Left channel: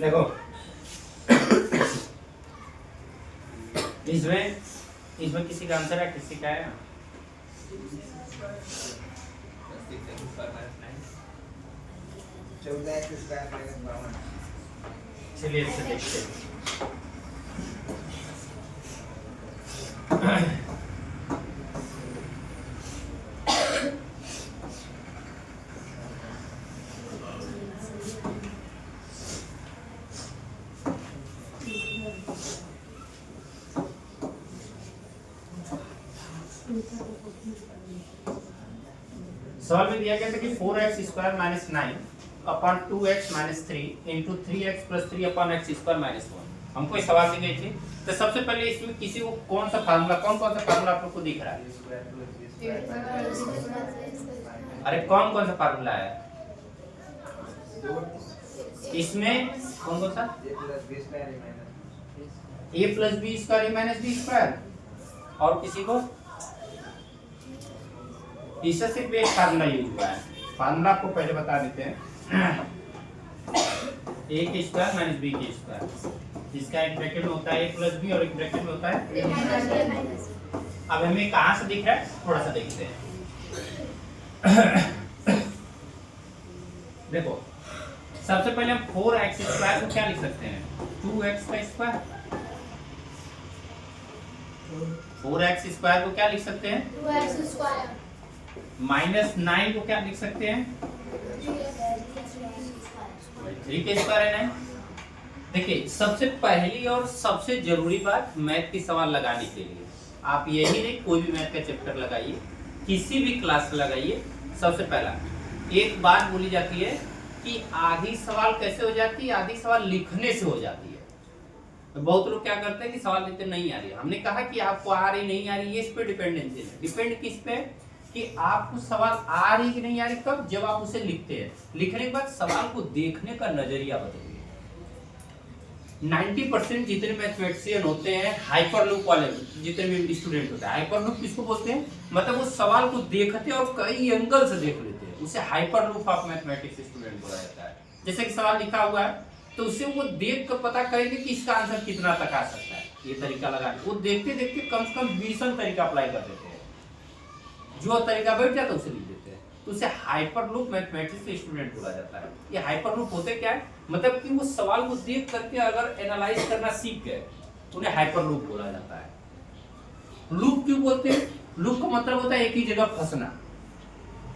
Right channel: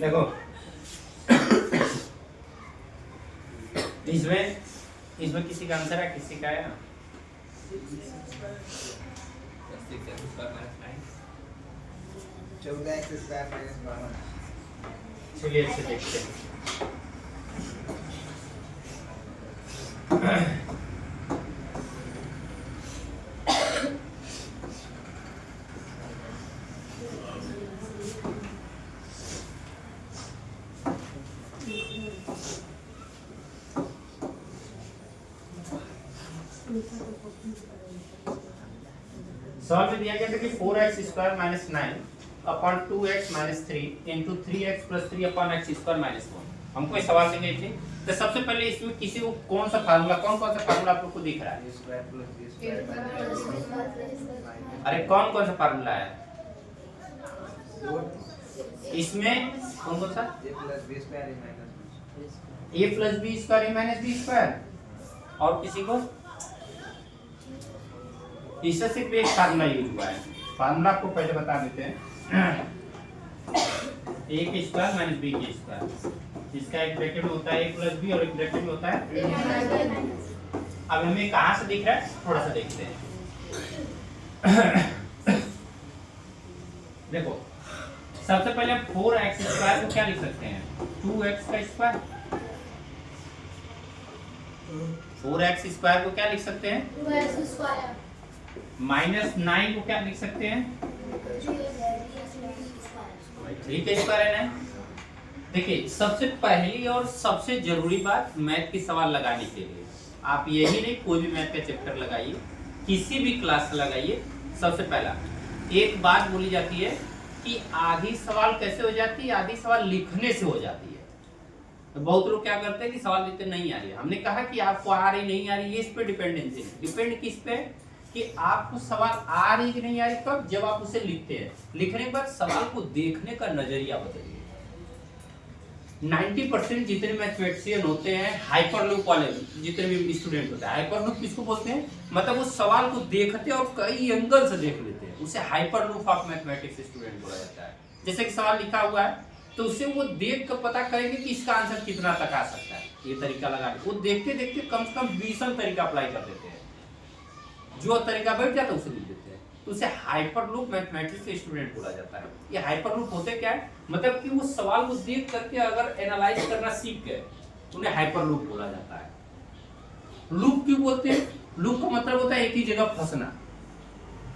देखो इसमें किसी का आंसर है, किसी का है? चलिए इससे देखते हैं। सवाल में दिया गया था कि 4x square minus 9 upon 2x minus 3 into 3x plus 3 upon x square minus 1। हमको ये सवाल दी गई थी। तो सबसे पहले इसमें किसी को कौन सा फार्मूला आप लोग को दिख रहा है? अरे कौन सा फार्मूला है इसमें? कौन सा? a plus B square minus B square. और किसी को? इससे सिर्फ एक फार्मूला यूज हुआ है। फार्मूला आपको पहले बता देते हैं। a के स्क्वायर माइनस b के स्क्वायर, इसका एक ब्रैकेट में होता है a प्लस b और एक ब्रैकेट में होता है अब हमें कहां से दिख रहा है थोड़ा सा देखते हैं। देखो सबसे पहले हम 4x स्क्वायर को क्या लिख सकते हैं? 2x का स्क्वायर। 4x स्क्वायर को क्या लिख सकते हैं? 2x square. माइनस 9 को क्या लिख सकते हैं? 3 के स्क्वायर है ना। देखिए सबसे पहली और सबसे जरूरी बात मैथ की सवाल लगाने के लिए, आप यही नहीं कोई भी मैथ का चैप्टर लगाइए, किसी भी क्लास का लगाइए, सबसे पहला एक बात बोली जाती है कि आधी सवाल कैसे हो जाती है? आधी सवाल लिखने से हो जाती है। तो बहुत लोग क्या करते हैं कि सवाल लिखते नहीं आ रही है। हमने कहा कि आपको आ रही नहीं आ रही, ये इस पे डिपेंडेंसी है। डिपेंड किस पे? कि आपको सवाल आ रही कि नहीं आ रही कब? जब आप उसे लिखते हैं। लिखने के बाद सवाल को देखने का नजरिया बदलिए। 90% जितने मैथमेटिशियन होते हैं हाइपरलूप वाले, जितने भी स्टूडेंट होते हैं, हाइपरलूप किसको बोलते हैं? मतलब वो सवाल को देखते हैं और कई एंगल से देख लेते हैं, उसे हाइपरलूप ऑफ मैथमेटिक्स स्टूडेंट बोला जाता है। जैसे कि सवाल लिखा हुआ है तो उसे वो देख कर पता करेंगे कि इसका आंसर कितना तक आ सकता है। ये तरीका लगा वो देखते देखते कम से कम 20 तरीका अप्लाई कर देते हैं, जो तरीका बैठ जाता है उसे लिख देते हैं। तो उसे हाइपरलूप मैथमेटिक्स स्टूडेंट बोला जाता है। ये हाइपरलूप होते क्या है? मतलब कि वो सवाल को देख करके अगर एनालाइज करना सीख गए तो उन्हें हाइपरलूप बोला जाता है। लूप क्यों बोलते हैं? लूप का मतलब होता है एक ही जगह फंसना।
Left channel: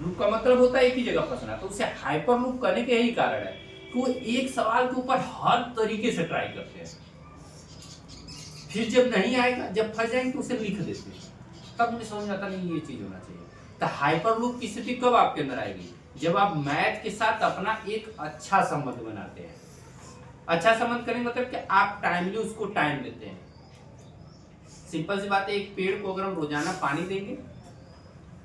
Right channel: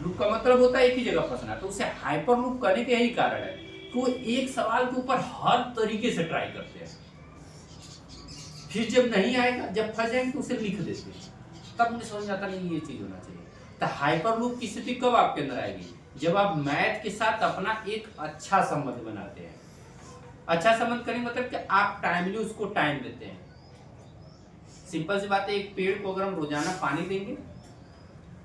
लूप का मतलब होता है एक ही जगह फंसना। तो उसे हाइपरलूप करने के यही कारण है कि वो एक सवाल के ऊपर हर तरीके से ट्राई करते हैं, फिर जब नहीं आएगा, जब फंस जाएंगे तो उसे लिख देते हैं। तब मुझे समझ आता नहीं ये चीज होना चाहिए। तो हाइपरलूप की स्थिति कब आपके अंदर आएगी? जब आप मैथ के साथ अपना एक अच्छा संबंध बनाते हैं। अच्छा संबंध करने मतलब कि आप टाइमली उसको टाइम देते हैं। सिंपल सी बात है, एक पेड़ को अगर हम रोजाना पानी देंगे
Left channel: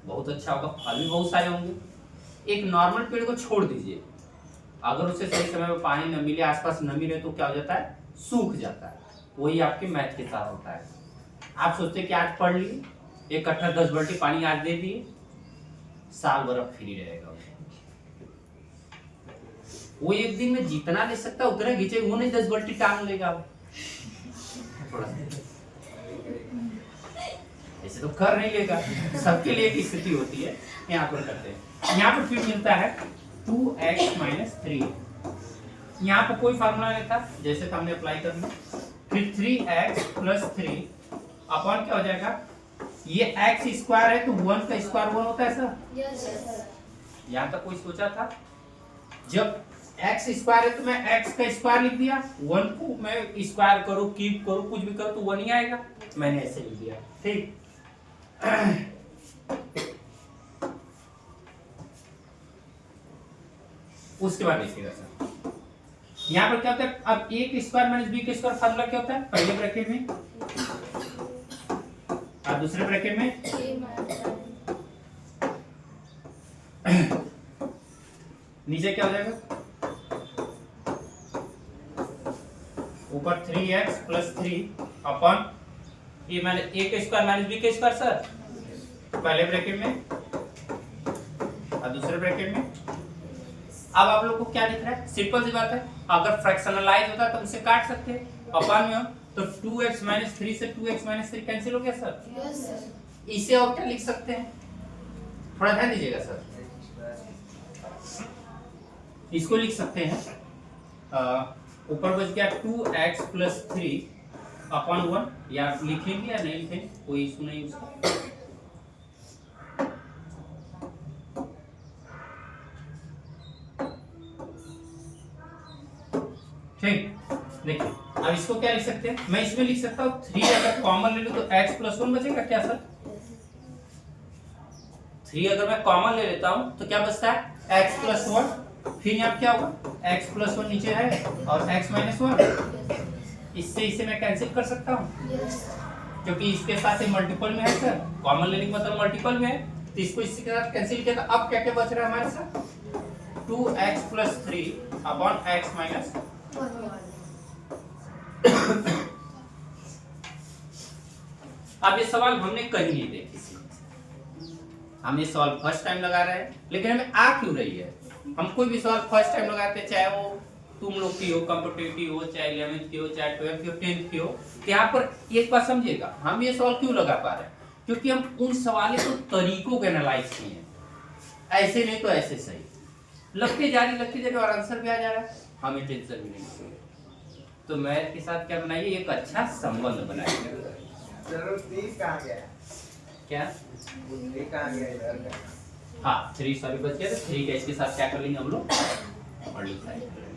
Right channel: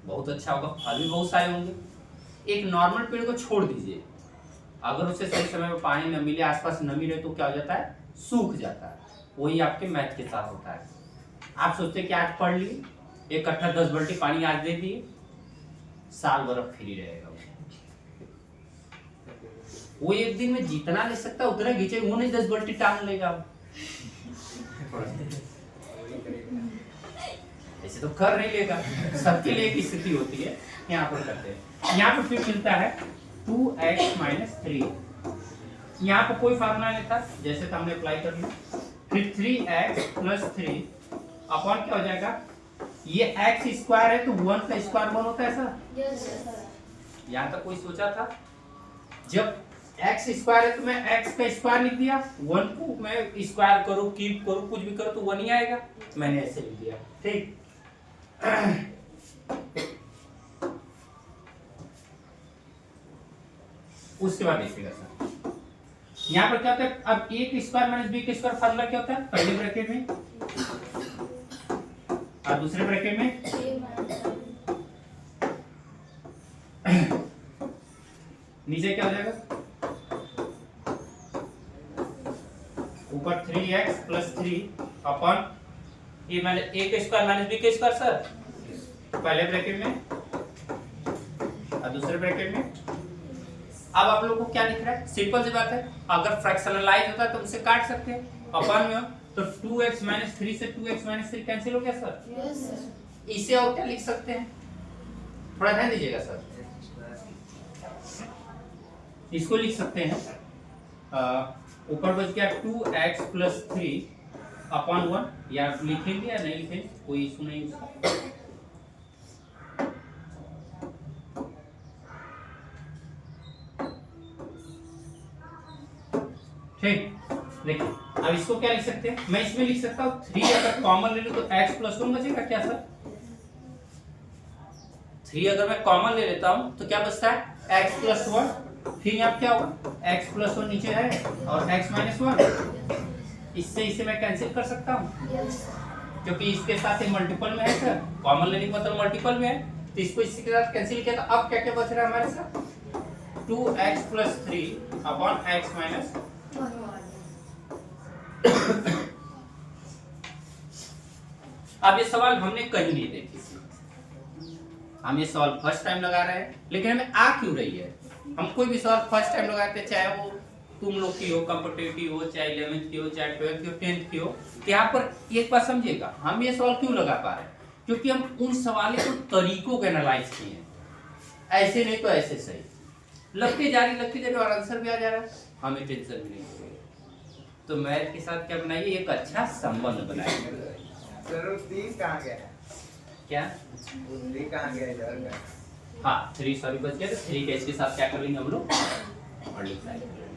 बहुत अच्छा होगा, फल भी बहुत सारे होंगे। एक नॉर्मल पेड़ को छोड़ दीजिए, अगर उसे सही समय में पानी न मिले, आसपास नमी रहे तो क्या हो जाता है? सूख जाता है। वही आपके मैथ के साथ होता है। आप सोचते हैं कि आज पढ़ लिए, एक कट्ठा 10 बाल्टी पानी आज दे दिए, साल भर फ्री रहेगा। वो एक दिन में जितना ले सकता है उतना खींचे, वो नहीं 10 बाल्टी टांग लेगा। ऐसे तो कर नहीं लेगा। सबके लिए एक स्थिति होती है, यहाँ पर करते हैं। यहाँ पर फिर मिलता है 2x माइनस 3। यहाँ पर कोई फार्मूला नहीं था, जैसे तो हमने अप्लाई कर लिया। फिर 3x प्लस 3 अपॉन क्या हो जाएगा? ये x स्क्वायर है तो 1 का स्क्वायर 1 होता है सर। यस। यहाँ तक कोई सोचा था? जब x स्क्वायर है तो मैं x का स्क्वायर लिख दिया, 1 को मैं स्क्वायर करूँ, कीप करूँ, कुछ भी करूँ तो 1 ही आएगा। मैंने ऐसे लिख दिया, ठीक। उसके बाद देखिएगा सर, यहाँ पर क्या होता है? अब a के स्क्वायर माइनस b के स्क्वायर फार्मूला क्या होता है? पहले ब्रैकेट में और दूसरे ब्रैकेट में नीचे क्या हो जाएगा? ऊपर 3x प्लस 3 अपॉन ए के स्क्वायर माइनस बी के स्क्वायर सर। पहले ब्रैकेट में और दूसरे ब्रैकेट में। अब आप लोग को क्या दिख रहा है? सिंपल सी बात है, अगर फ्रैक्शनलाइज होता तो उसे काट सकते हैं अपन में, तो 2x - 3 से 2x - 3 कैंसिल हो गया सर। Yes, sir. इसे और क्या लिख सकते हैं, थोड़ा ध्यान दीजिएगा सर। इसको लिख सकते हैं, ऊपर बच गया 2x + 3/1, या लिखेंगे या नहीं लिखेंगे कोई इशू नहीं उसका। ठीक, देखिए अब इसको क्या लिख सकते हैं, मैं इसमें लिख सकता हूँ 3 अगर कॉमन ले लूं तो x + 1 बचेगा क्या सर? 3 अगर मैं कॉमन ले लेता हूं तो क्या बचता है? x + 1, फिर यहाँ क्या होगा? x + 1 नीचे है और x - 1, इससे इसे मैं कैंसिल कर सकता हूँ Yes, sir. क्योंकि इसके साथ मल्टीपल में है सर, कॉमन लेने का मतलब मल्टीपल में है, तो इसको इसके साथ कैंसिल किया। तो अब क्या क्या बच रहा है हमारे साथ? 2x + 3/x - 1। अब ये सवाल हमने कहीं नहीं देखी थी, हम ये सवाल फर्स्ट टाइम लगा रहे हैं, लेकिन हमें आ क्यों रही है? हम कोई भी सवाल फर्स्ट टाइम लगाते हैं, चाहे वो तुम लोग की हो, कॉम्पिटिटिव हो, चाहे 11th की हो, चाहे 12th की हो, 10th की हो, तो यहाँ पर एक बात समझिएगा, हम ये सवाल क्यों लगा पा रहे हैं? क्योंकि हम उन सवालों को तरीकों को एनालाइज किए हैं, ऐसे नहीं तो ऐसे सही, लगती जा रही और आंसर भी आ जा रहा है, हमें टेंशन भी नहीं। तो मैथ के साथ क्या बनाइए, एक अच्छा संबंध बनाइए। क्या? हाँ 3 सॉरी बच गया, तो 3 का इसके साथ क्या कर लेंगे हम लोग? मल्टीप्लाई कर लेंगे।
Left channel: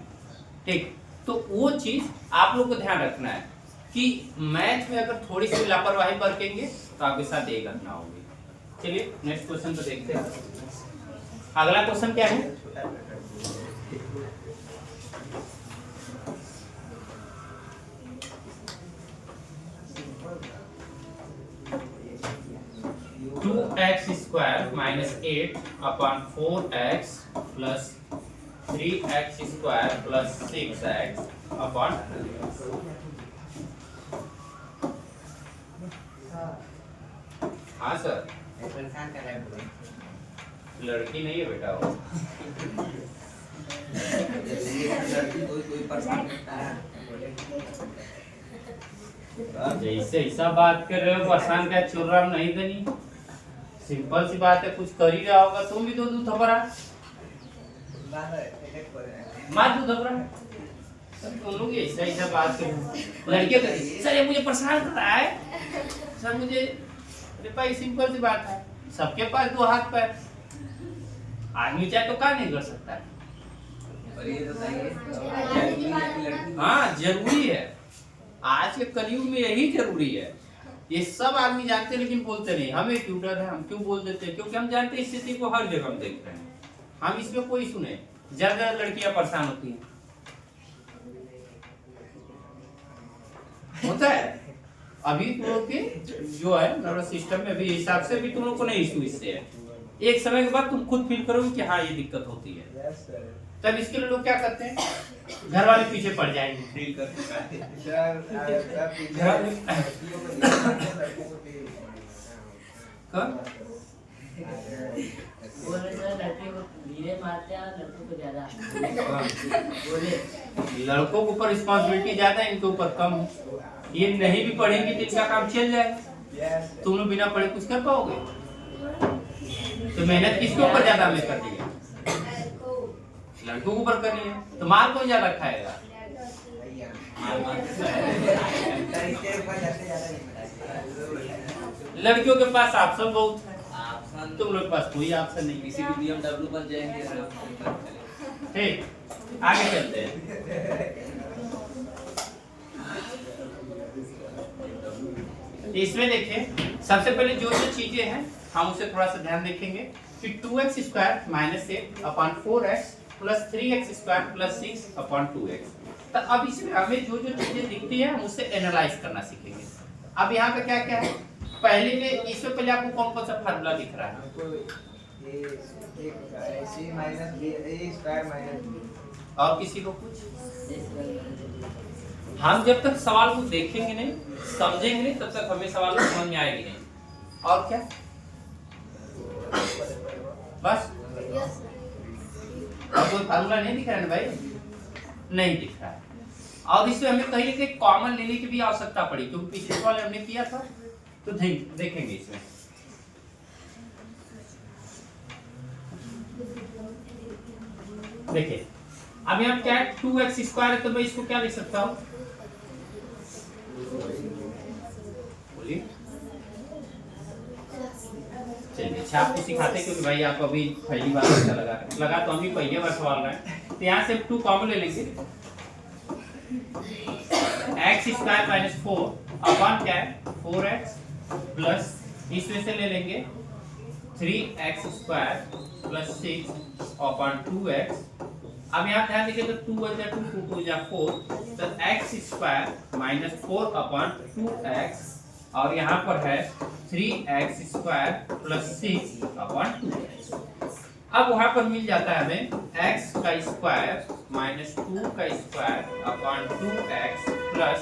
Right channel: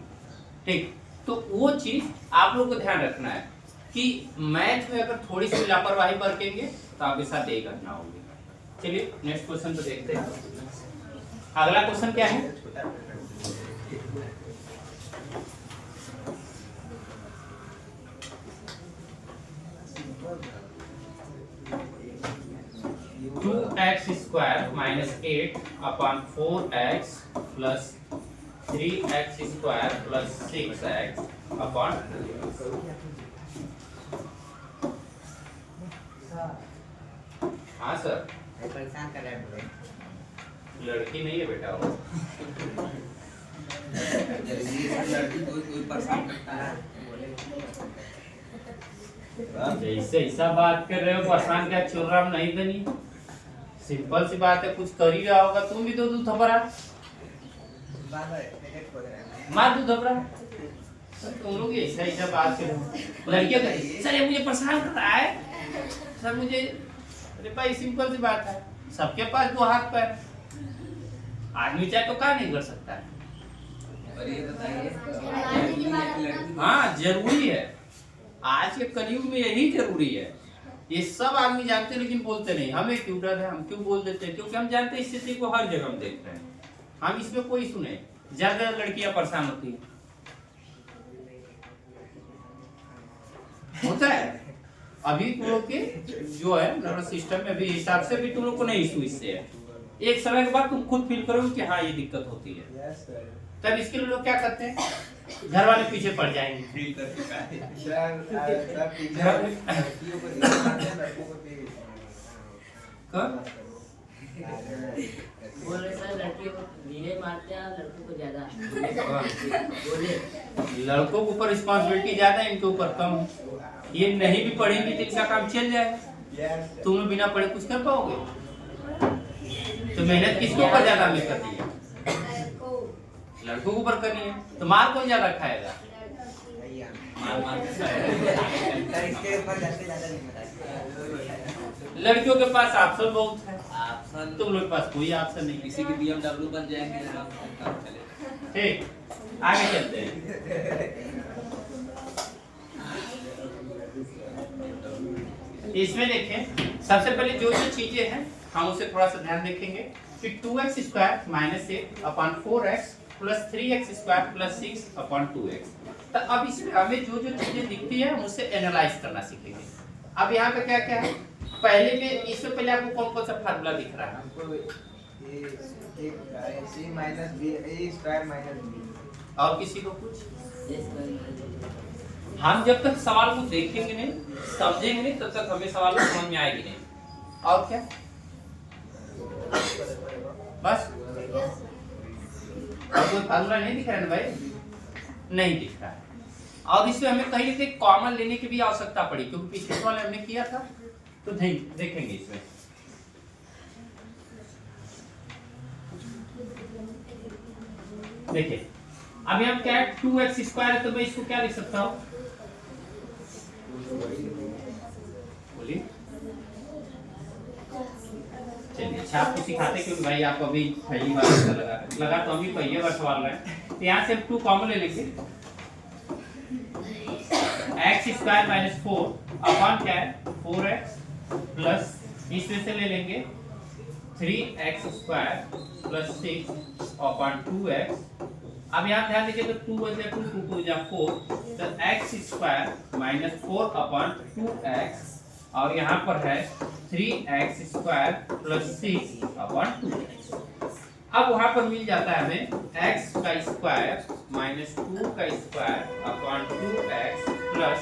ठीक, तो वो चीज आप लोग को ध्यान रखना है कि मैथ में अगर थोड़ी सी लापरवाही बरतेंगे तो आपके साथ यही घटना होगी। चलिए नेक्स्ट क्वेश्चन को देखते हैं। अगला क्वेश्चन क्या है? 2x² - 8/4x + 3x² + 6x upon. हाँ सर, लड़की नहीं है बेटा वो। जैसे ऐसा बात कर रहे हो, परेशान क्या चल रहा नहीं दनी, सिंपल सी बात है, कुछ कर ही रहा होगा, तुम भी तो दूध थपरा मार दूध थपरा। तुम लोग ऐसा ऐसा बात कर रहे हो, लड़कियों का सर ये मुझे परेशान कर रहा है सर, मुझे, अरे भाई सिंपल सी बात है, सबके पास 2 हाथ पैर, आदमी चाहे तो क्या नहीं कर सकता है। हाँ जरूरी है, आज के कलयुग में यही जरूरी है, ये सब आदमी जानते हैं लेकिन बोलते नहीं। हमें क्यों डर है, हम क्यों बोल देते हैं? क्योंकि हम जानते हैं स्थिति को हर जगह हम देख रहे हैं, हम इसमें कोई सुने ज्यादा लड़कियां परेशान होती हैं, होता है। अभी तुम लोग के जो है नर्वस सिस्टम में अभी हिसाब से भी तुम लोग को नहीं इशू इससे है, एक समय के बाद तुम खुद फील करोगे कि हाँ ये दिक्कत होती है, तब इसके लिए लोग क्या करते हैं, घर वाले पीछे पड़ जाएंगे। लड़कों के ऊपर रिस्पॉन्सिबिलिटी ज्यादा है, इनके ऊपर कम है, ये नहीं भी पढ़ेंगे तो इनका काम चल जाएगा। तुम लोग बिना पढ़े कुछ कर पाओगे? तो मेहनत किसके ऊपर ज्यादा हमें करनी है? लड़कों के ऊपर करनी है, तो मार कौन ज्यादा खाएगा? लड़कियों के पास ऑप्शन बहुत है, तुम लोग के पास कोई ऑप्शन नहीं, किसी भी BMW बन जाएंगे। ठीक, आगे चलते हैं। इसमें देखिए सबसे पहले जो जो चीजें हैं हम उसे थोड़ा सा ध्यान देखेंगे कि 2x² - 8/4x + 3x² + 6/2x। तो अब इसमें हमें जो जो चीजें दिखती है हम उसे एनालाइज करना सीखेंगे। अब यहाँ पे क्या क्या है, पहले में इसमें पहले आपको कौन कौन सा फार्मूला दिख रहा है? और किसी को कुछ? हम जब तक सवाल को देखेंगे नहीं, समझेंगे नहीं, तब तक हमें सवाल को समझ में आएगी नहीं। और क्या? बस। Yes, sir. और कोई फार्मूला नहीं दिख रहा है ना भाई? नहीं दिख रहा है। और इसमें हमें कहीं ना कहीं कॉमन लेने की भी आवश्यकता पड़ी, क्योंकि पिछले सवाल हमने किया था। तो देखेंगे इसमें। देखिए अब यहाँ क्या है, 2x² है, तो मैं इसको क्या लिख सकता हूँ? बोलिए। चलिए अच्छा, आपको सिखाते क्योंकि भाई आप अभी पहली बार ऐसा लगा तो हम भी पहली बार सवाल रहे हैं। तो यहाँ से 2 कॉमन ले लेंगे। x² - 4 अपॉन क्या है 4x प्लस इसमें से ले लेंगे 3x² + 6 अपॉन 2x। अब यहाँ ध्यान दीजिए तो 2 × 2 2 × 4, तो x² - 4 अपॉन 2x, और यहाँ पर है 3x² + 6 अपॉन 2x। अब वहाँ पर मिल जाता है हमें x² - 2 का square upon 2x plus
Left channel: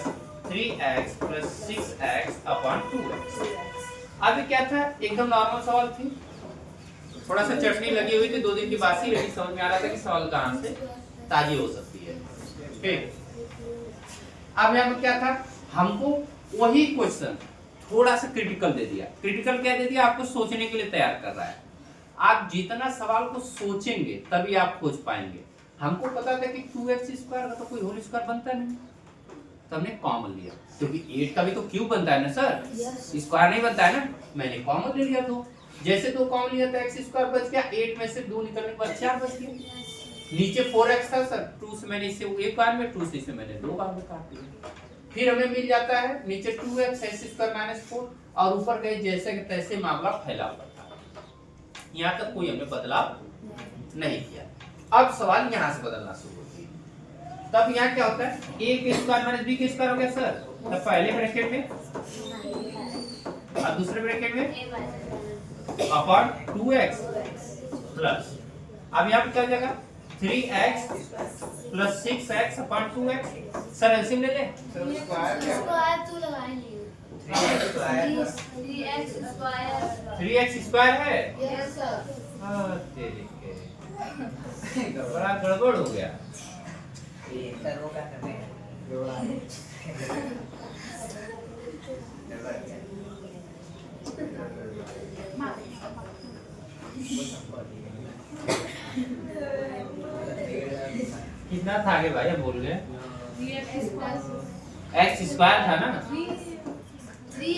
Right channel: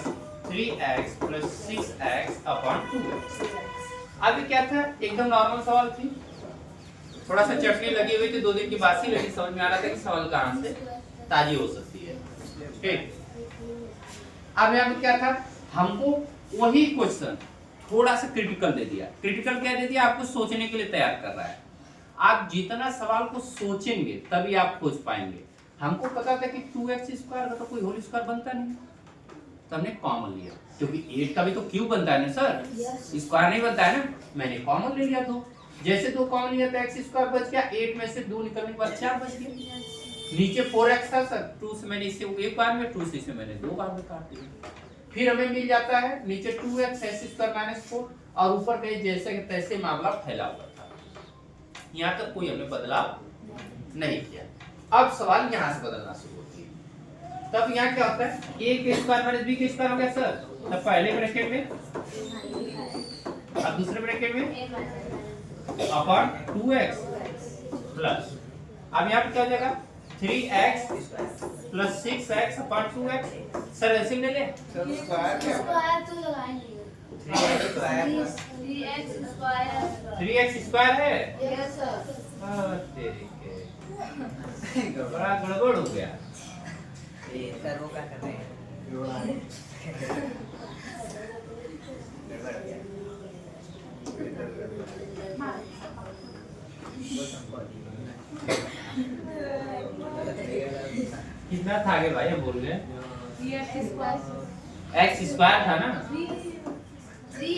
3x + 6x upon 2x। अभी क्या था, एकदम नॉर्मल सवाल थी, थोड़ा सा चटनी लगी हुई थी, 2 दिन की बासी लगी, समझ में आ रहा था कि सवाल कहाँ से ताजी हो सकती है। ठीक, अब यहाँ पे क्या था, हमको वही क्वेश्चन थोड़ा सा क्रिटिकल दे दिया। क्रिटिकल क्या दे दिया, आपको सोचने के लिए तैयार कर रहा है। आप जितना सवाल को सोचेंगे तभी आप खोज पाएंगे। हमको पता था कि 2x² का तो कोई होल स्क्वायर बनता नहीं, तो हमने कॉमन लिया, क्योंकि 8 का भी तो क्यूब बनता है ना सर, स्क्वायर नहीं बनता है ना, मैंने कॉमन ले लिया। तो जैसे 2 कॉमन लिया तो x² बच गया, 8 में से 2 निकलने के बाद 4 बच गया। नीचे 4x था सर, 2 से मैंने इसे एक बार में, 2 से इसे मैंने 2 बार में काट दिया। फिर हमें मिल जाता है नीचे 2x x² - 4, और ऊपर कहीं जैसे कि तैसे मामला फैला हुआ था। यहाँ तक कोई हमने बदलाव नहीं किया। अब सवाल यहाँ से बदलना शुरू होती है। तब यहाँ क्या होता है, a² - b² हो गया सर, तब पहले ब्रैकेट में और दूसरे ब्रैकेट में अपॉन 2x प्लस, अब यहाँ पे क्या हो जाएगा 3x + 6x upon 2x। Sir LCM ले ले, स्क्वायर तो लगाएंगे। 3x² है। Yes, sir. हाँ, तेरी के बड़ा गड़बड़ हो गया। कितना था आगे भाई, हम बोल गए x² था ना, 3x²।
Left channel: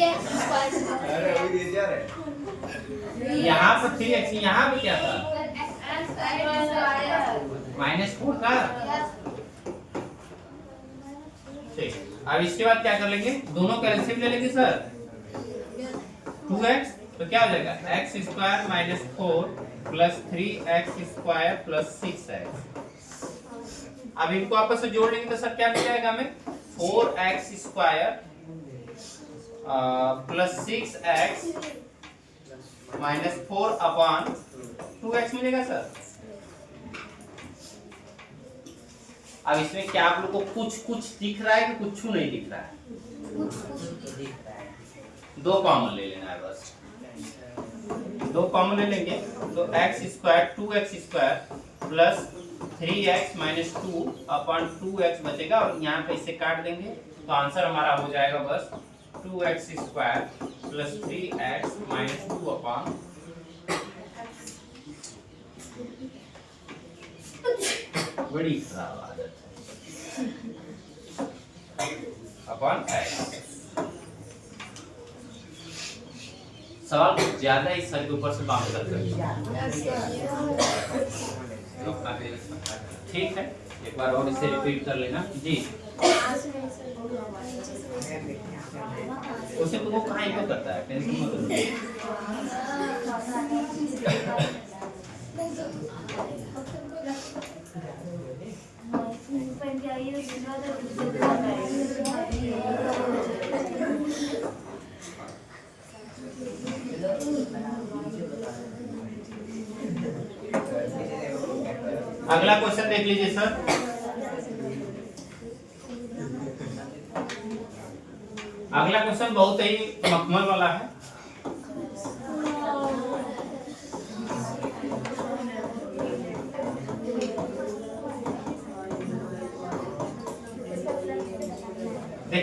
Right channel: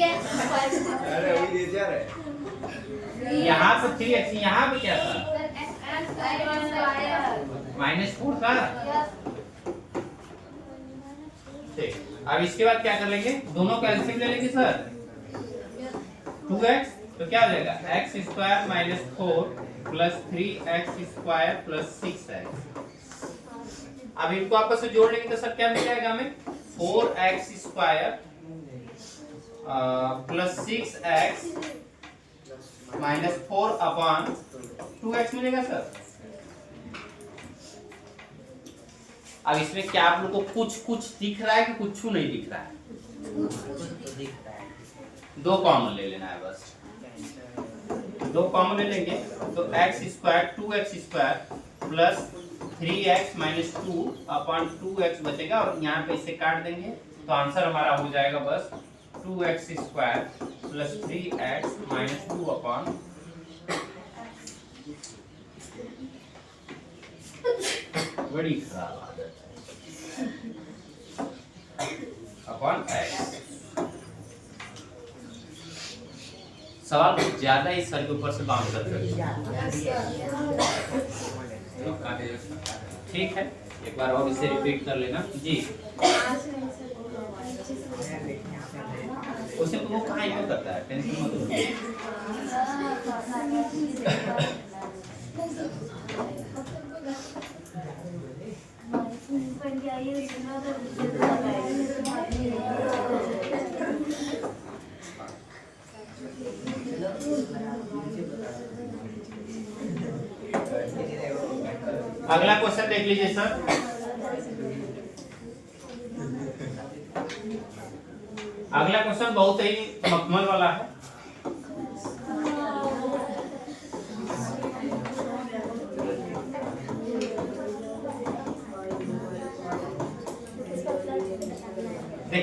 यहाँ पर 3x, यहाँ पे क्या था -4 था। ठीक, अब इसके बाद क्या कर लेंगे, दोनों का एलसीएम ले लेंगे सर। 2x तो क्या हो जाएगा x² - 4 plus 3x² plus 6x। अब इनको आपस में जोड़ लेंगे तो सर क्या मिल जाएगा हमें, 4x² plus 6x - 4 upon 2x मिलेगा सर। अब इसमें क्या आप लोग को कुछ दिख रहा है कि कुछ नहीं दिख रहा है? 2 कॉमन ले लेना है बस, 2 कॉमन ले लेंगे तो x² 2x² plus 3x - 2 upon 2x बचेगा, और यहाँ पे इसे काट देंगे तो आंसर हमारा हो जाएगा बस 2x² प्लस 3x - 2 अपॉन बड़ी खराब आदत है अपॉन x। सवाल कुछ ज्यादा ही सर के ऊपर से बाउंस कर ठीक है, एक बार और इसे रिपीट कर लेना जी। उसे तो वो कहाँ यूज करता है, टेंशन मत लो। अगला क्वेश्चन देख लीजिए सर। अगला क्वेश्चन बहुत ही मखमल वाला है।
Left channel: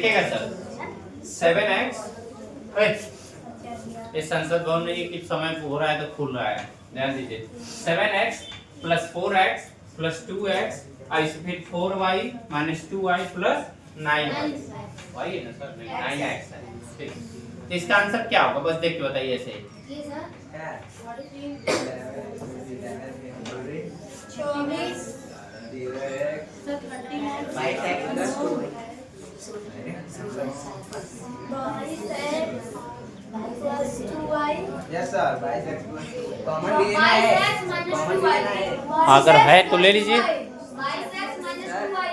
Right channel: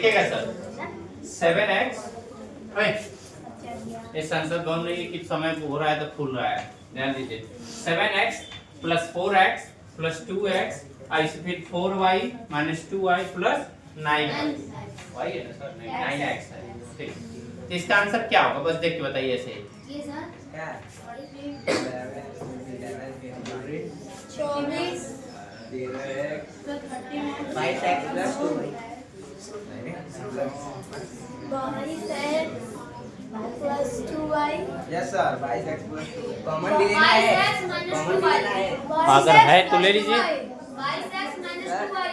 देखिएगा सर 7x, इस आंसर दोनों नहीं कि समय हो रहा है तो खुल रहा है, ध्यान दीजिए 7x plus 4x plus 2x और इसे फिर 4y minus 2y plus 9y, वही है ना सर, नहीं 9x है। ठीक, तो इसका आंसर क्या होगा बस देख के बताइए ऐसे। ये sir 22y yes sir 22x plus 2 common ले लेना है, कॉमन ले लेना है। अगर है तो ले लीजिए। 22x minus 2y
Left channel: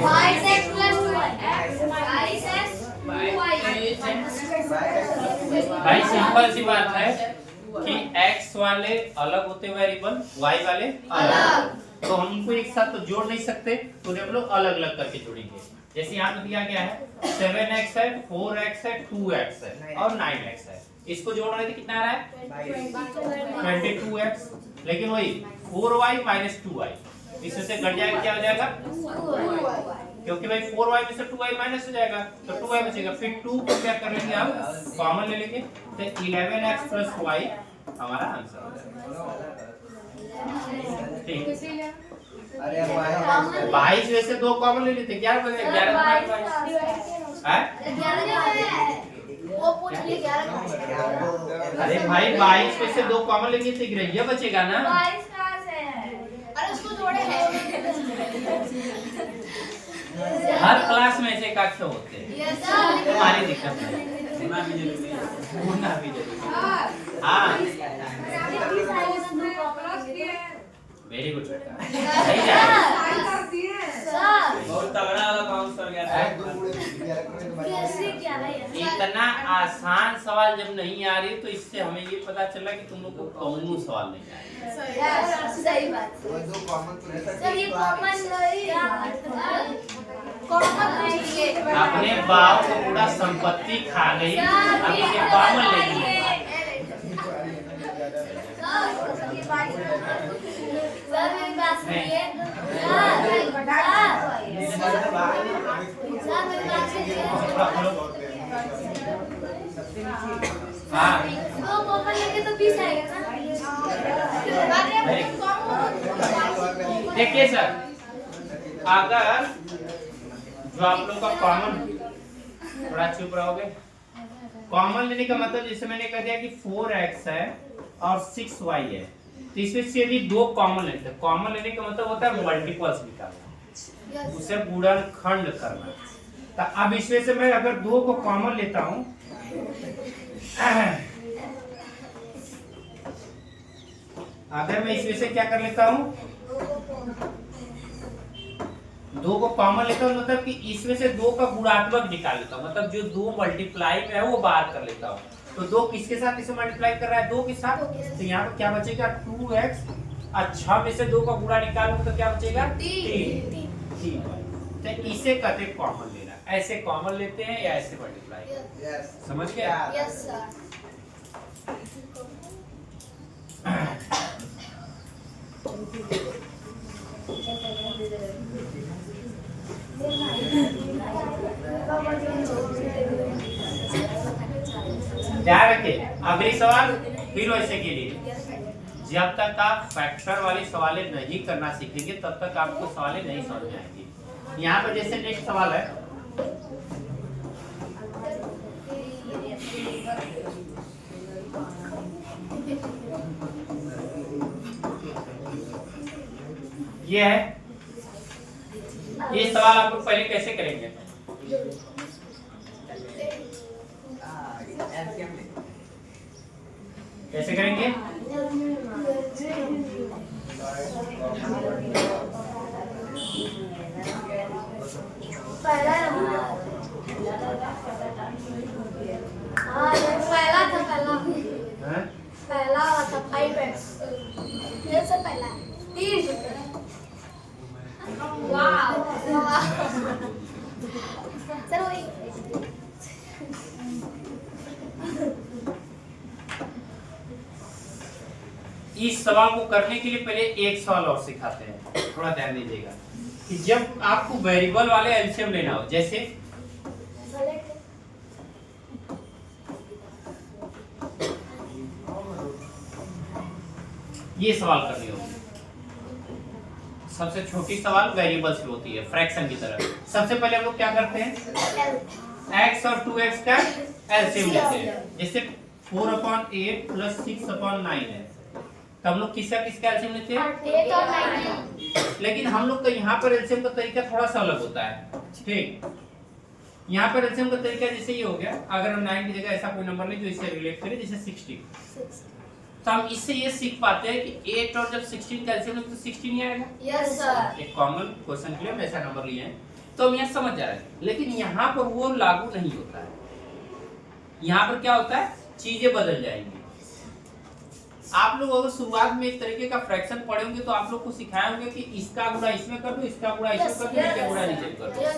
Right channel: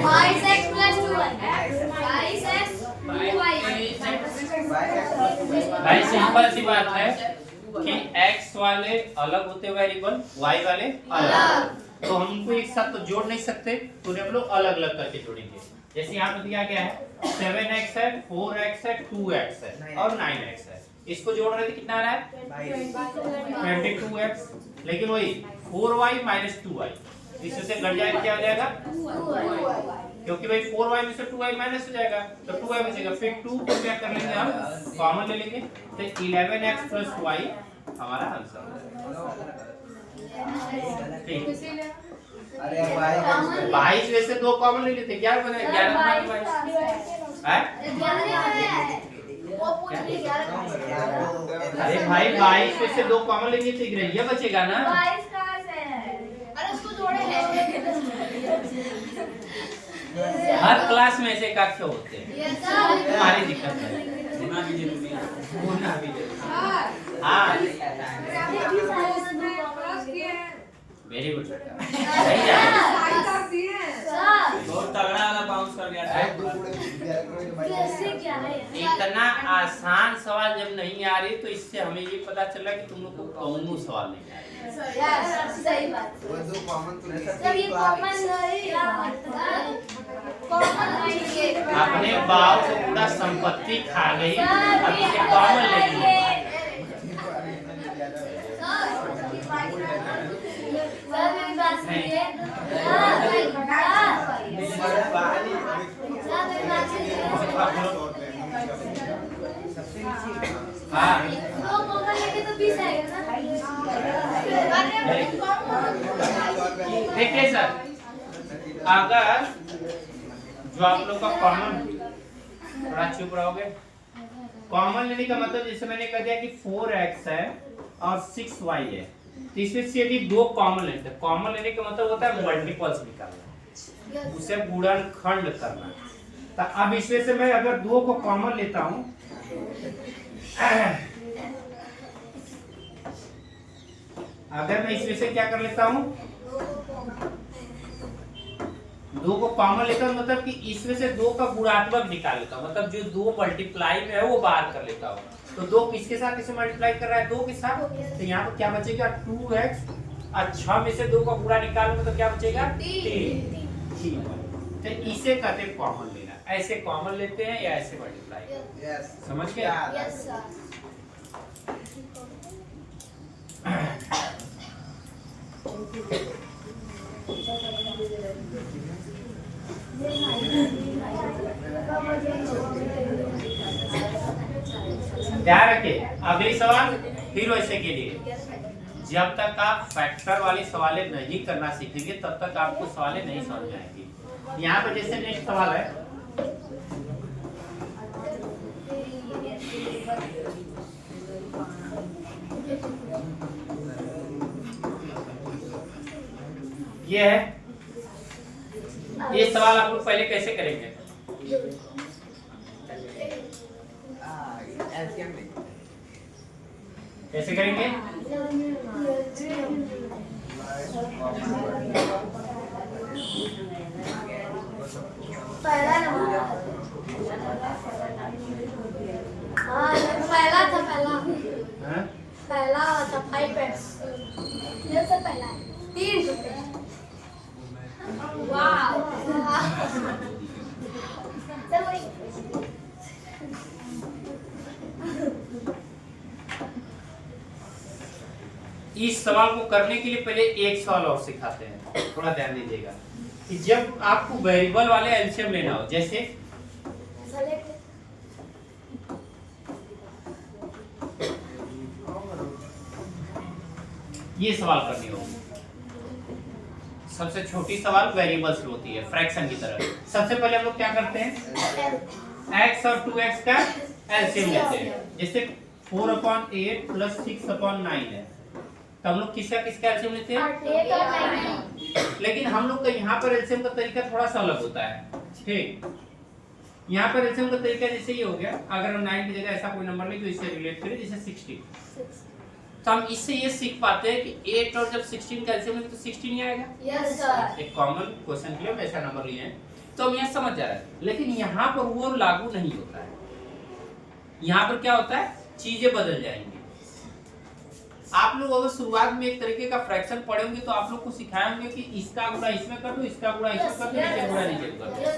22x plus 2y 22x 2y। भाई सिंपल सी बात है कि x वाले अलग होते वेरिएबल, y वाले अलग, तो हम उनको एक साथ तो जोड़ नहीं सकते, तो हम लोग अलग अलग करके जोड़ेंगे। जैसे यहाँ पे दिया गया है 7x है, 4x है, 2x है और 9x है, इसको जोड़ रहे थे कितना आ रहा है 22x, लेकिन वही 4y माइनस 2y इसमें से घट जाएगा, क्या हो जाएगा, क्योंकि भाई 4y में से 2y माइनस हो जाएगा तो 2y बचेगा, फिर 2 को क्या कर लेंगे हम कॉमन ले लेंगे, तो 11x प्लस y हमारा आंसर हो जाएगा। ठीक, अरे यार 22 में से 2 कॉमन ले लेते, 11 बने, 11 है। वो पूछ ली 11 अरे भाई 22 में से 2 कॉमन लेंगे तो ग्रेडिया बचेगा ना। 22 कहां से है? अरे उसको जोड़े हैं। हर क्लास में ऐसे कक्षा होते हैं, यस सर। तुम्हारी दिक्कत नहीं, होना भी जरूरी है, होना भी जरूरी है। हाँ वेरी गुड बेटा, सही जा रहा है। सर बहुत तगड़ा वाला बाउंस कर गया था। कैसे क्या है? इतना आसान सवाल जब नहीं आ रही तो इससे हमें ये पता चला कि तुम लोग को कौनो सवाल नहीं आ रही। सही बात। दो कॉमन तो नहीं सर ये कॉमन नहीं है। अपने बाप को पूरा संपत्ति खा गई, अब इसे कॉमन ले ली। हाँ दो कॉमन लेके तो 20 आएगा ना। देखिए सर, अगर जो आप लोग का कॉमन, थोड़ा चुप रहोगे, कॉमन लेने का मतलब जैसे मैंने कह दिया कि 4x है और 6y है, तो इसमें से यदि 2 कॉमन लेते हैं, कॉमन लेने का मतलब होता है मल्टीपल्स निकालना, उसे गुणनखंड करना। तो अब इसमें से मैं अगर 2 को कॉमन लेता हूं, अगर मैं इसमें से क्या कर लेता हूं, 2 को कॉमन लेता हूं, मतलब कि इसमें से 2 का गुणात्मक निकाल लेता हूं, मतलब जो 2 मल्टीप्लाई में है वो बाहर कर लेता हूं। तो 2 किसके साथ इसे मल्टीप्लाई कर रहा है, 2 के साथ, तो यहाँ पर क्या बचेगा 2x, और 6 में से 2 का गुणा निकालूंगा तो क्या बचेगा 3। तो इसे कहते हैं कॉमन लेना। ऐसे कॉमन लेते हैं या ऐसे मल्टीप्लाई, यस समझ गए। Yes sir. ध्यान रखिए, अगली सवाल फिर वैसे के लिए, जब तक आप फैक्टर वाले सवालें नहीं करना सीखेंगे तब तक आपको सवालें नहीं समझ आएंगी। यहाँ पर जैसे नेक्स्ट सवाल है, ये है, ये सवाल आप लोग पहले कैसे करेंगे, कैसे करेंगे, पहला नंबर। हाँ पहला था हाँ? पहला था 5x। सबसे पहला 3 वाह सर वही। इस सवाल को करने के लिए पहले एक सवाल और सिखाते हैं। थोड़ा ध्यान दीजिएगा कि जब आपको वेरिएबल वाले एलसीएम लेना हो, जैसे ये सवाल करनी होगी। सबसे छोटी सवाल वेरिएबल्स होती है फ्रैक्शन की तरह। सबसे पहले हम लोग क्या करते हैं, x और 2x का एलसीएम लेते हैं। जैसे 4/8 प्लस 6/9 है, तो हम लोग किसका एलसीएम लेते हैं? 8 और 9। लेकिन हम लोग का यहाँ पर एलसीएम का तरीका थोड़ा सा अलग होता है। ठीक, यहाँ पर एलसीएम का तरीका जैसे ये हो गया, अगर हम 9 की जगह ऐसा कोई नंबर ले जो इससे रिलेट करे, जैसे 60, तो हम इससे ये सीख पाते हैं कि 8 और जब 16 का एलसीएम लेते तो 16 ही आएगा। Yes sir. एक कॉमन क्वेश्चन के लिए हम ऐसा नंबर लिए हैं, तो हम यहाँ समझ जा रहे हैं। लेकिन यहाँ पर वो लागू नहीं होता है। यहाँ पर क्या होता है, चीजें बदल जाएंगी। आप लोग अगर शुरुआत में एक तरीके का फ्रैक्शन पढ़े होंगे तो आप लोग को सिखाए होंगे कि इसका गुणा इसमें कर दो, इसका गुणा इसमें कर दो, नीचे गुणा नीचे कर दो। यस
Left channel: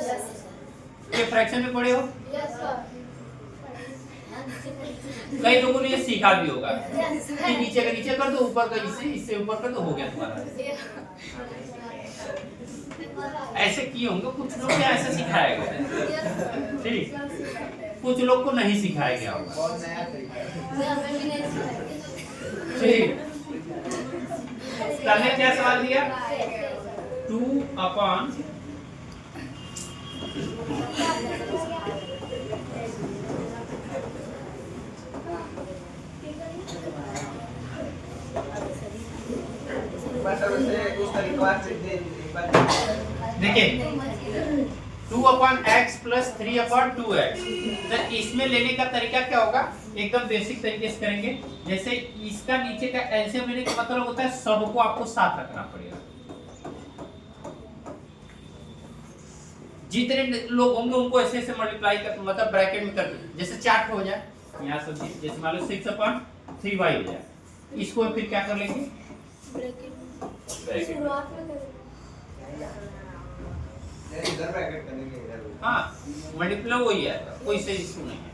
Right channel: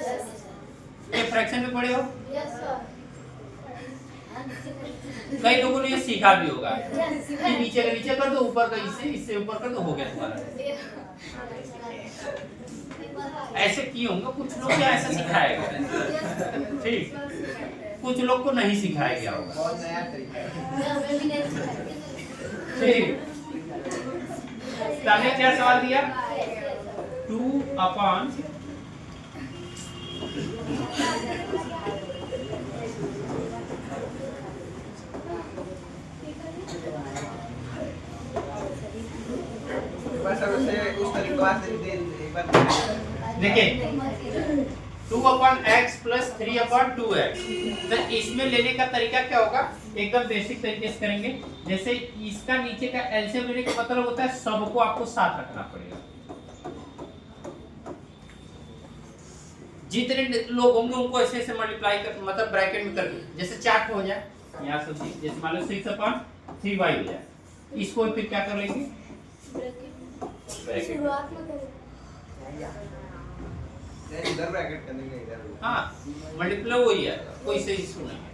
ये फ्रैक्शन में पढ़े हो? सर। कई लोगों ने ये सीखा भी होगा यस कि नीचे का नीचे कर दो, ऊपर का इससे ऊपर कर दो, हो गया तुम्हारा। ऐसे किए होंगे कुछ लोग, क्या ऐसा सिखाया गया? ठीक, कुछ लोग को नहीं सिखाया गया होगा। बहुत नया तरीका है। ठीक, तने क्या सवाल दिया? 2/, बस अब उसे उस तरीका से एक बार देखिए 2/x प्लस 3/2x। तो इसमें लेने का तरीका क्या होगा, एकदम बेसिक तरीके से करेंगे। जैसे इसका नीचे का एलसीएम लेने का मतलब होता है सबको आपको साथ रखना पड़ेगा। जितने लोग होंगे उनको ऐसे ऐसे मल्टीप्लाई कर, मतलब ब्रैकेट में कर, जैसे चार्ट हो जाए यहाँ सब चीज, जैसे मान लो 6/3y हो जाए, इसको फिर क्या कर लेंगे, ब्रैकेट। इधर ब्रैकेट करेंगे इधर। हाँ, मल्टीप्लाई वही है, कोई सही इशू नहीं है।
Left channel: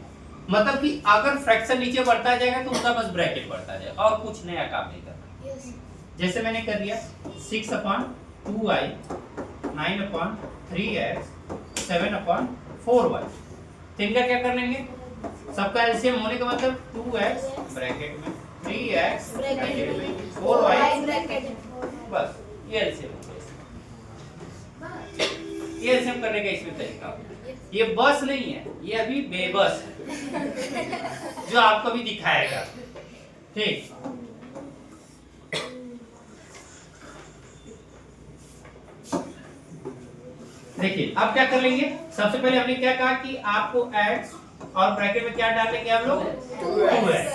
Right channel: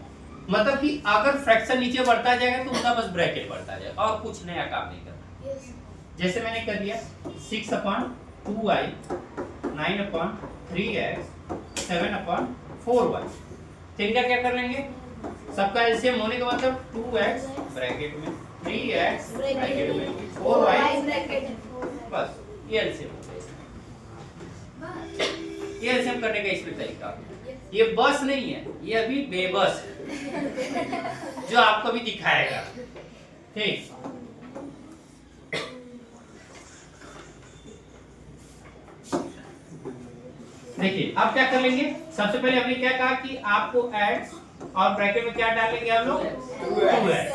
मतलब कि अगर फ्रैक्शन नीचे बढ़ता जाएगा तो उसका बस ब्रैकेट बढ़ता जाएगा और कुछ नया काम नहीं करना। जैसे मैंने कर दिया 6/2y 9/3x 7/4y। तरीका क्या कर लेंगे, सबका एलसीएम होने का मतलब 2x ब्रैकेट में, 3x ब्रैकेट में, 4y ब्रैकेट में। बस ये एलसीएम। ये एलसीएम करने का इसमें तरीका, ये बस नहीं है, ये अभी बेबस है जो आपको भी दिखाएगा। ठीक, देखिए अब क्या कर लेंगे। सबसे पहले हमने क्या कहा कि आपको x और ब्रैकेट में क्या डालेंगे हम लोग, 2x।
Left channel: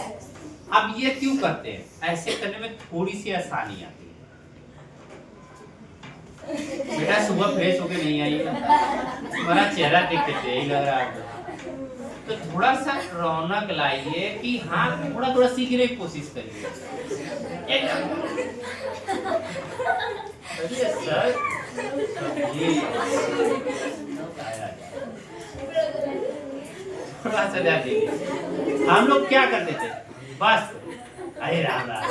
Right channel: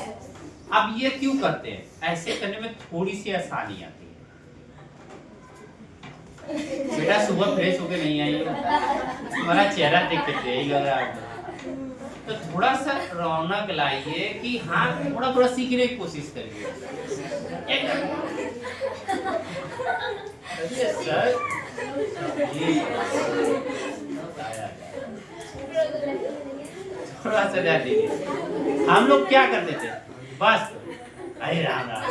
अब ये क्यों करते हैं, ऐसे करने में थोड़ी सी आसानी आती है। बेटा सुबह फ्रेश होके नहीं आई हो, तुम्हारा चेहरा देख के यही लग रहा है। तो थोड़ा सा रौनक लाइए कि हाँ थोड़ा थोड़ा सीखने की कोशिश करिए। सर थोड़ा सा ध्यान दीजिए। हम लोग क्या करते थे, बस अरे राम राम,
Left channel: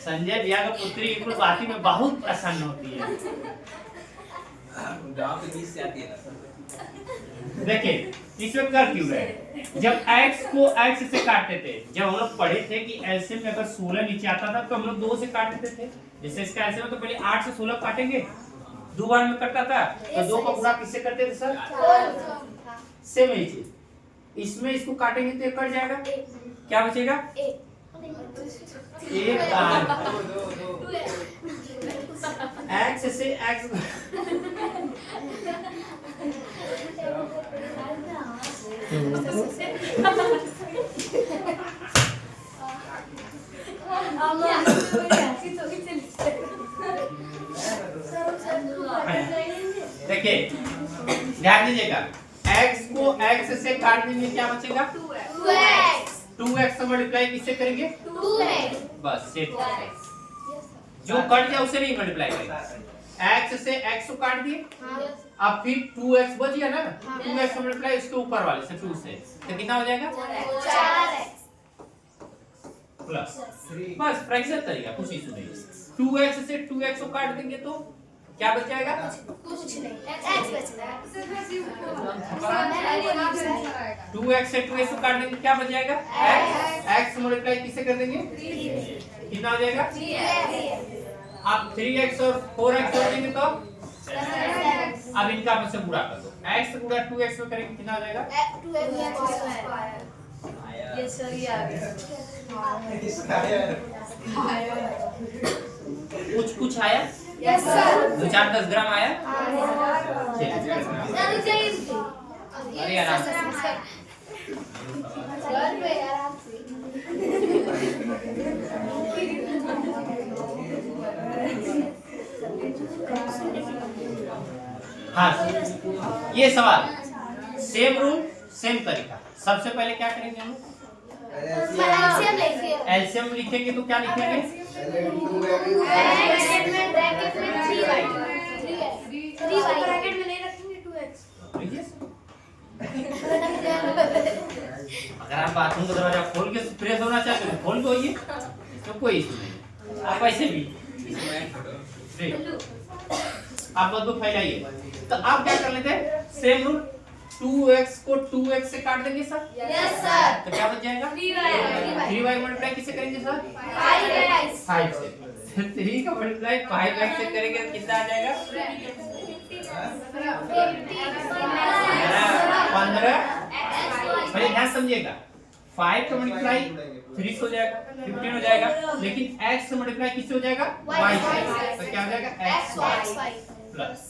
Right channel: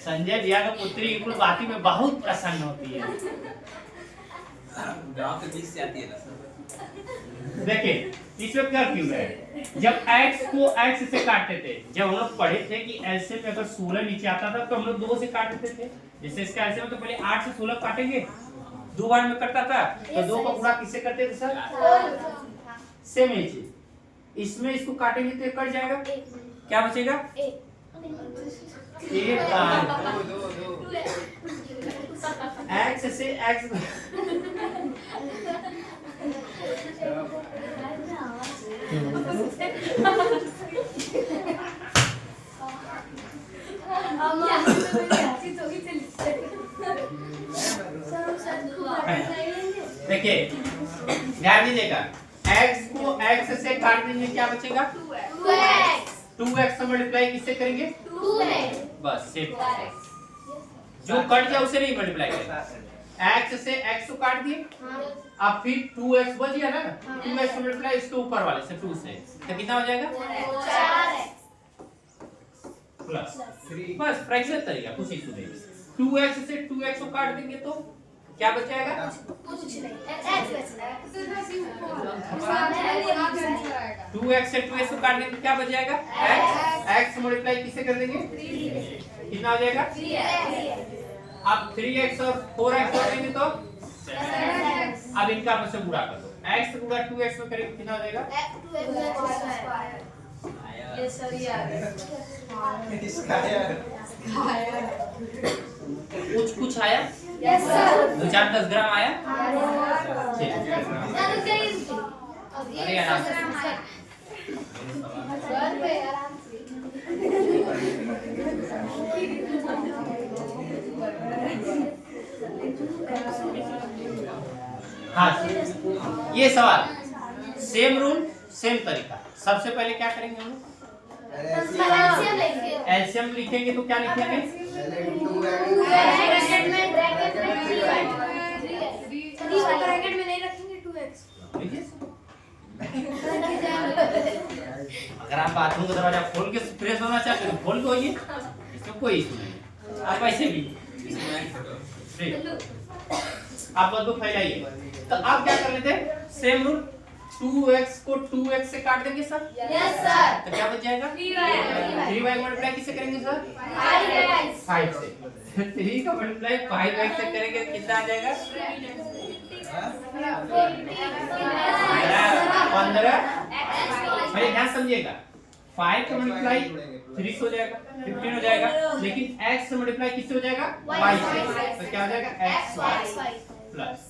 संजय भैया का पुत्री बिल्कुल बाती में बहुत प्रसन्न होती है। गांव के बीच से आती है ना। देखिए इसमें कर क्यों रहे, जब x को x से काटते थे, जब हम लोग पढ़े थे कि एलसीएम में अगर 16 नीचे आता था तो हम लोग 2 से काटते थे। जैसे इसका एलसीएम तो पहले 8 से 16 काटेंगे, 2 बार में कटता था, तो 2 का गुणा किससे करते थे सर, सेम ही चीज। इसमें इसको काटेंगे तो ये कट जाएगा, क्या बचेगा, एक x से x देखिए ध्यान दीजिएगा, x को x से काट देंगे क्या बचेगा, 2x से मल्टीप्लाई किससे करेंगे, बस सेम। जो कट जाए उसे नहीं मल्टीप्लाई करेंगे। x से x को काट दिए, अब फिर 2x बच गया ना, 2x से मल्टीप्लाई इसके ऊपर वाले से 2 से, तो कितना हो जाएगा, प्लस। बस फ्रैक्शन तरीका, कुछ इशू नहीं। 2x से 2x को काट देंगे तो क्या बच जाएगा? कुछ नहीं x बचता है 2x से 2x को काट देंगे क्या बच जाएगा? x मल्टीप्लाई किससे कर देंगे? कितना हो जाएगा? अब 3x और 4x जोड़ देंगे तो अब इनका आपस में गुणा कर दो। x गुणा 2x में करेंगे कितना हो जाएगा? 2x यस सर यार कुछ आया? यस सर 2-4-10 ग्राम आया? ठीक है। अरे आराम से। हाँ ये सवाल सेम रूल सेम तरीका। सबसे पहले क्या करेंगे हम? एलसीएम लिखेंगे तो क्या लिखेंगे? अगर आप बाथरूम का दरवाजा खोल के फ्रेश होना चाहते हो खोल के होइए, इसमें कोई इशू नहीं। आप ऐसे भी आप बस फैलाइए। तो आप क्या कर लेते हैं? सेम रूल 2x को 2x से काट देंगे सर। यस सर तो क्या बच जाएगा? 3y मल्टीप्लाई किससे करेंगे सर? 5 से। 3 का मल्टीप्लाई 5x से करेंगे तो कितना आ जाएगा? 15। पहले ध्यान समझिएगा 5 का मल्टीप्लाई 3 से हो जाएगा 15 हो जाएगा, लेकिन x से मल्टीप्लाई किससे हो जाएगा? y से। तो क्या हो जाएगा? xy प्लस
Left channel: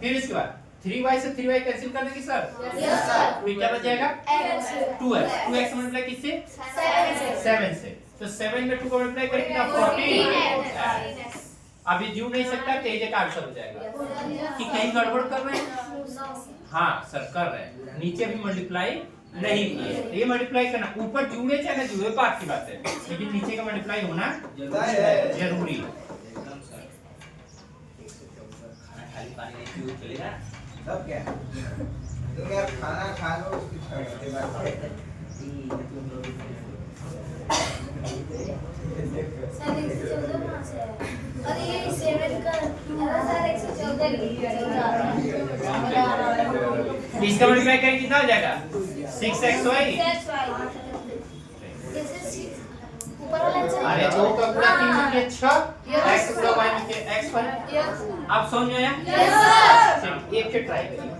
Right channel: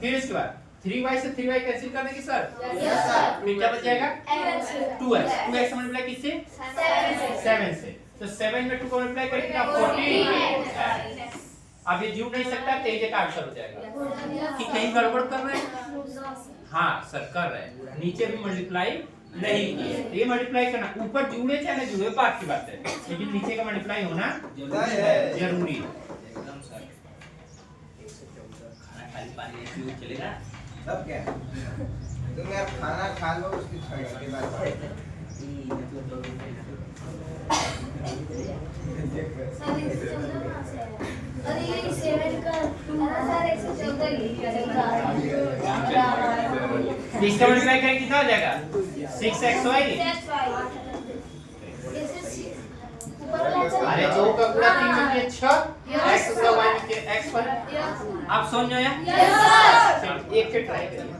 फिर इसके बाद 3y से 3y कैंसिल कर देंगे सर। यस सर फिर क्या बच जाएगा? 2x से मल्टीप्लाई किससे? 7 से। तो 7 में 2 को मल्टीप्लाई करें कितना? 14। अब ये जुड़ नहीं सकता तो ये का आंसर हो जाएगा कि कहीं गड़बड़ कर रहे हैं। हाँ सर कर रहे हैं, नीचे भी मल्टीप्लाई नहीं किए। ये मल्टीप्लाई करना ऊपर जुड़े चाहे ना जुड़े बात की बात है, लेकिन नीचे का मल्टीप्लाई होना जरूरी है। अब क्या तुम यार खाना खा लो उसकी छाट के बाद अरे ये 7 का 2 सर 114 इसका मल्टीप्लाई करें कितना हो जाएगा? 6xy। अरे 2 का गुणा 3 में किया 6, x गुणा y में किया x पर। आप समझ गए? यस सर एक से ट्राई करिए।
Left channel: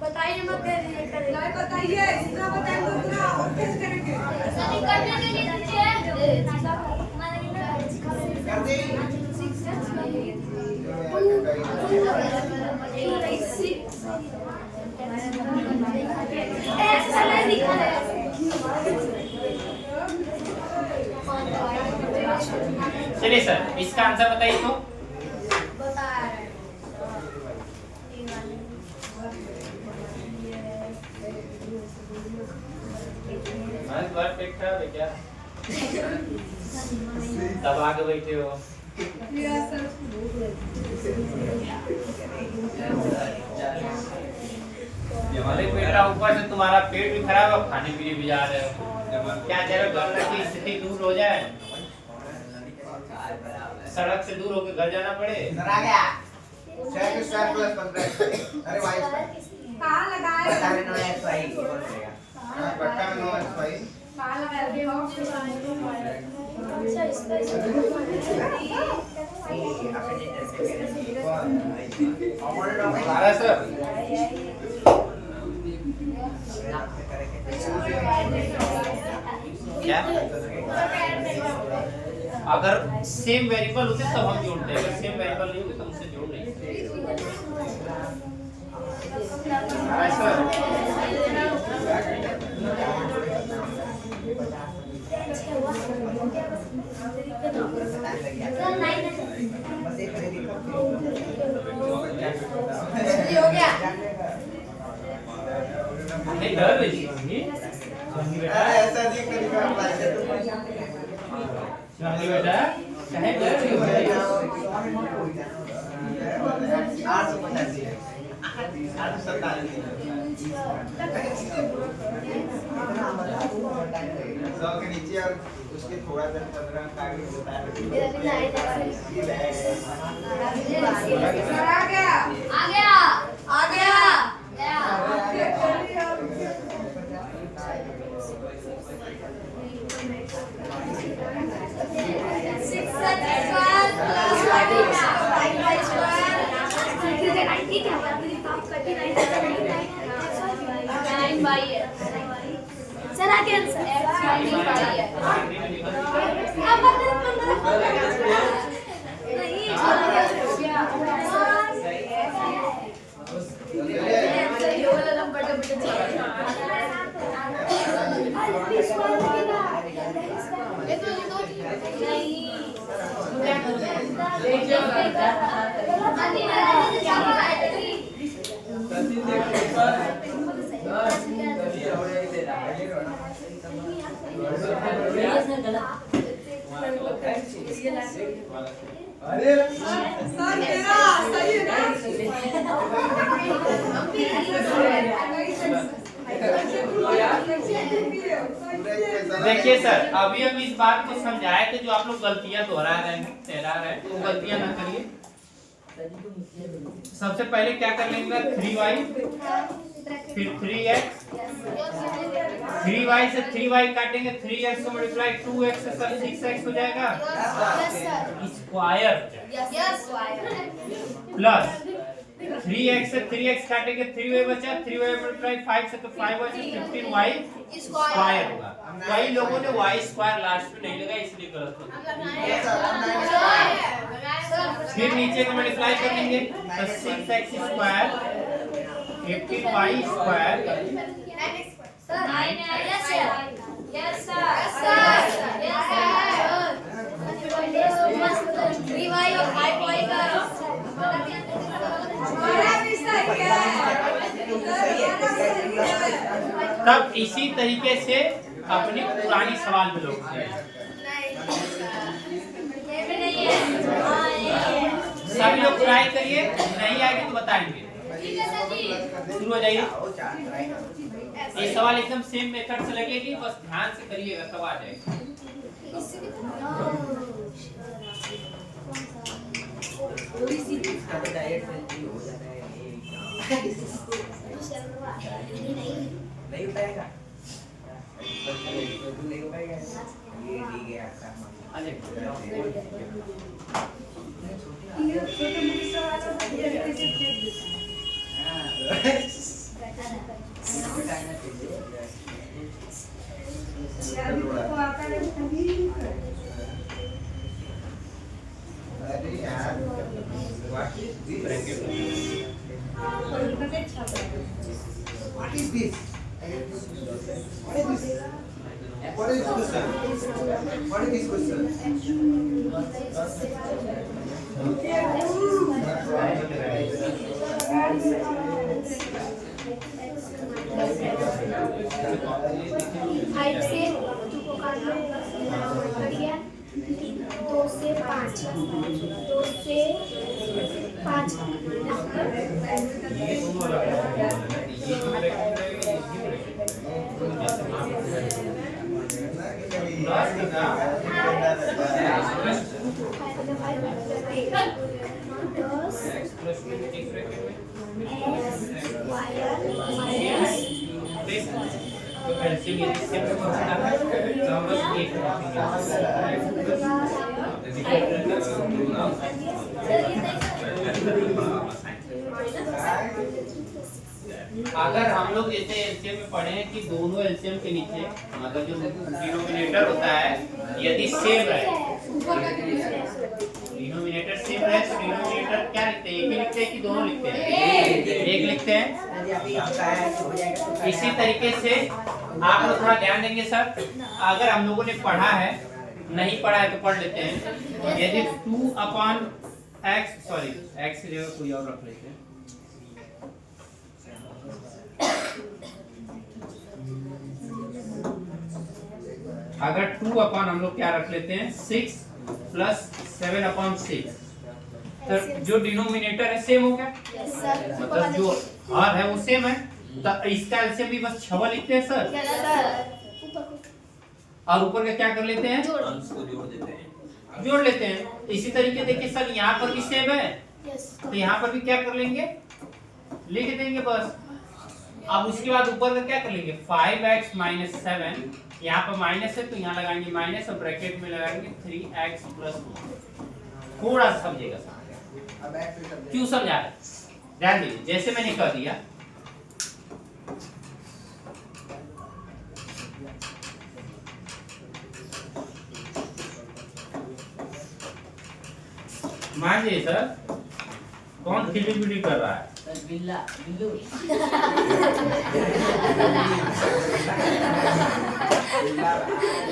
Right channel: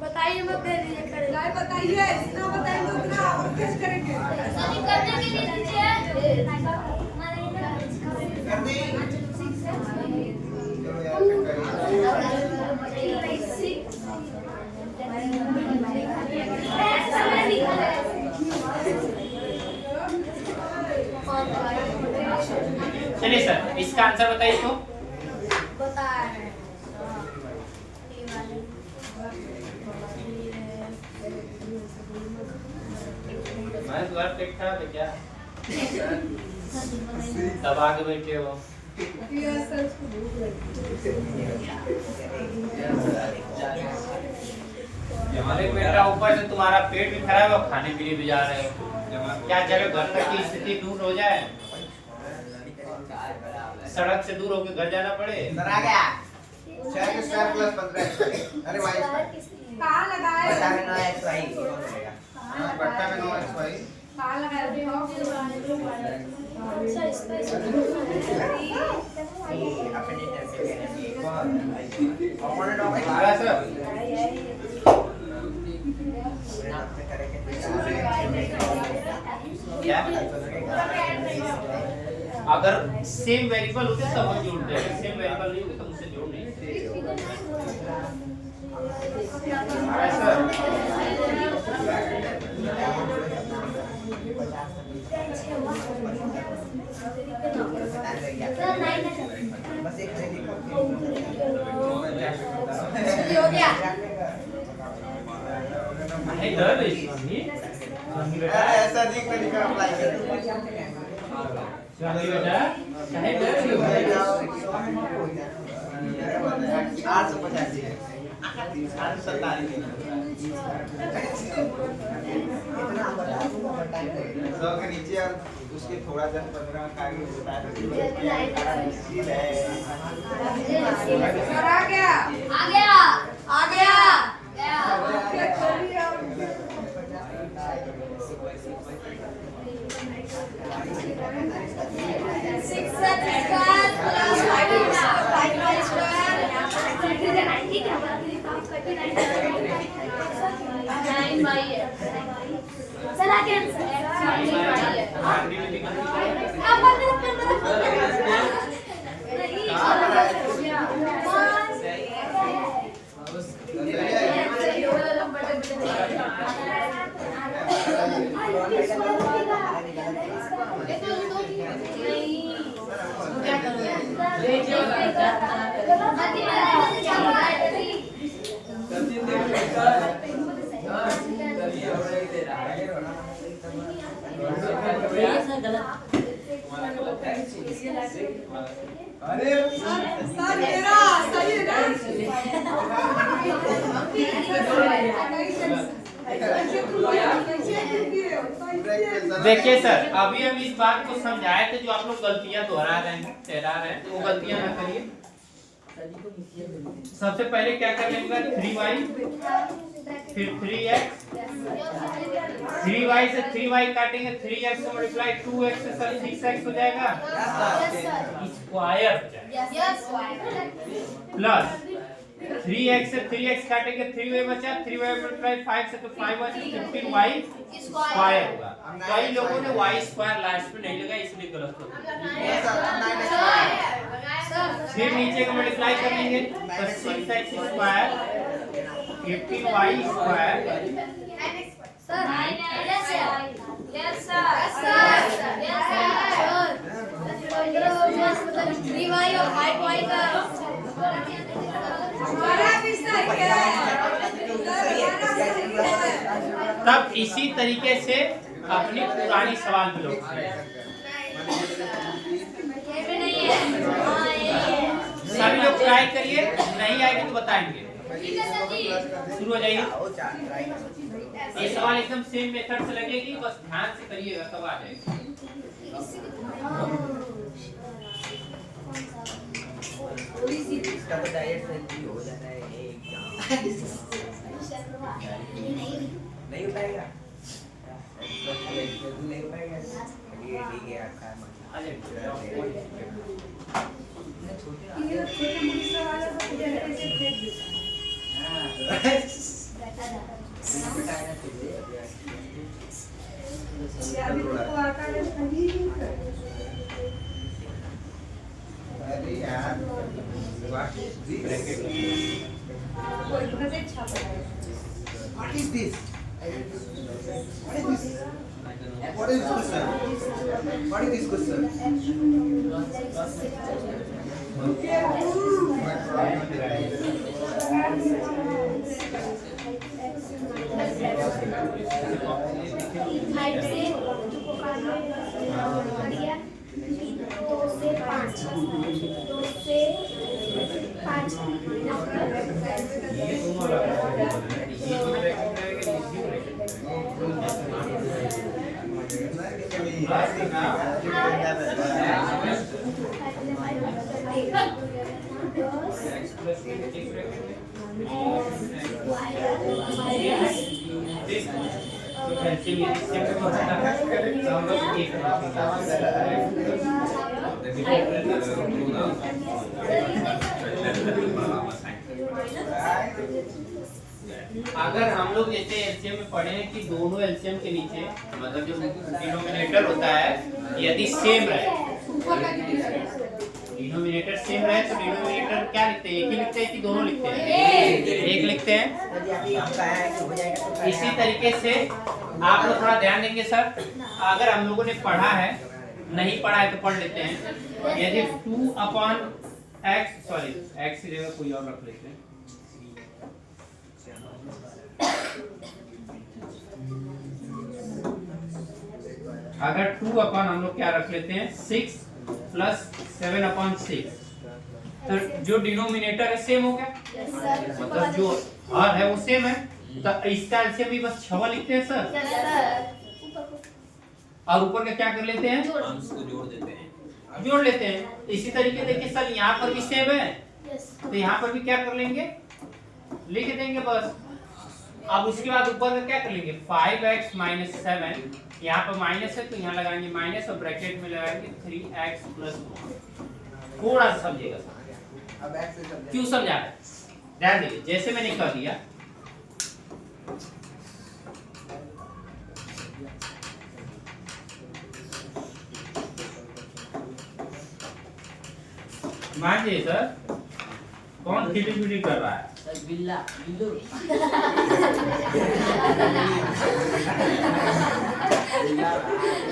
बताइए मत दे दीजिए करें नहीं बताइए, जितना बताएंगे उतना और कैसे करेंगे? सभी करने के लिए दीजिए कर दे चलिए सर इसका आंसर बताइए तो। क्या दबा के बैठे हो? हमारे बेटा ऊपर से तुम्हारा पेट भी खराब है, खाने पीने भी जा रहे हो। क्या जगह घर तक की स्थिति दूर हो जाए, सड़क से दूर होकर घर जाना पड़े। सर आ गया 6 प्लस 15। अरे भाई कहाँ लगाए? बता में 9xy बट्टा में 9xy कहाँ लगाए हो? क्या अगर सेम वेरिएबल होते तब हम जोड़ते हैं, अगर सेम वेरिएबल नहीं होते तो उससे जोड़ नहीं हो गया डर बेटा ऐसा देख कर लिखा अप्लाई कर शिवानी बेटा चाहे डर रही हो 850 है 847 और टाइम लगेगा। 100 के नीचे और उसके थोड़ा 10-15 का आगे होता है। सर आ गया आ गया आ गया गया सर तेरा सही है देखिए सर, अभी हम इस बात को समझाए थे, जो आप लोग गलतियां दोहरा रहे हैं, ठहरा रहे हैं, वो गलतियां ना करिए। सबसे पहले क्या कर लेंगे, 3y फिर 3x, 3y से 3y काटेंगे, 3x को मल्टीप्लाई 2x से 6x हो जाएगा, स्क्वायर प्लस 3x से 3x काटेंगे, 3y बचा, 3y मल्टीप्लाई 5 से तो 5y से 15y स्क्वायर होगा। कई लोगों ने y स्क्वायर लास्ट में नहीं लगा, इसलिए गलत हो गया। फिर नीचे का मल्टीप्लाई कर लेंगे तो 6x स्क्वायर 15y स्क्वायर तब इसी तरीके से अपनी पुरानी सवाल पे लोग सभी लोग ट्राई करिए, नहीं आएगी तो बताएंगे। शुरू हो जाइए। ये सवाल एकदम सेम मेथड से लगेगी, बस ध्यान से करिएगा तब आ जाएगा। इसका तो डायरेक्ट सेंट्री हो जाता है नहीं हो पाएगा नहीं हो पाएगा ये ठीक है आपका अरे यार what is this? What is this? What is this question? What is this question? Height से 2 से 5 2 से 5 अगर हम लोग जैसे एलसीएम में पढ़े हैं कि दोनों एलसीएम के नीचे मतलब जो डिनोमिनेटर होता है यदि सेम रहे, डिनोमिनेटर सेम रहे तो डिनोमिनेटर क्या लिखते हैं, एक ही लिखते हैं कि दोनों लिखते हैं, एक लिखते हैं। इसी तरीके से आप लोग थोड़ा ध्यान देंगे सर, अगर हम लोगों ने पढ़ा है, नहीं पढ़ा है तो पढ़ लेते हैं। यदि 2/x सॉरी x की जगह कोई और रख लेते हैं, अगर 2 अपन हम लोग क्या रख लेते हैं 6 प्लस 7/6 तो जो डिनोमिनेटर है सेम हो गया, मतलब जो हर है वो सेम है, तो इसका एलसीएम भी बस 6 लिखते हैं सर। और ऊपर का क्या कर लेते हैं, अंश को जोड़ देते हैं। जोड़ लेते हैं। इसी तरीके देखिए सर यहाँ पर भी सेम है, तो यहाँ पर भी क्या कर लेंगे, लिख देंगे बस। अब उसके बाद ऊपर का क्या कर लेंगे, 5x माइनस 7, यहाँ पर माइनस है तो यहाँ लगाएंगे माइनस और ब्रैकेट में लगाएंगे 3x प्लस 1। थोड़ा सा समझिएगा सर, अब x से कर क्यों समझा रहे हैं? ध्यान दीजिए, जैसे मैंने कह दिया मान लीजिए सर कौन खिली कर रहा है, बिल्ला बिल्लू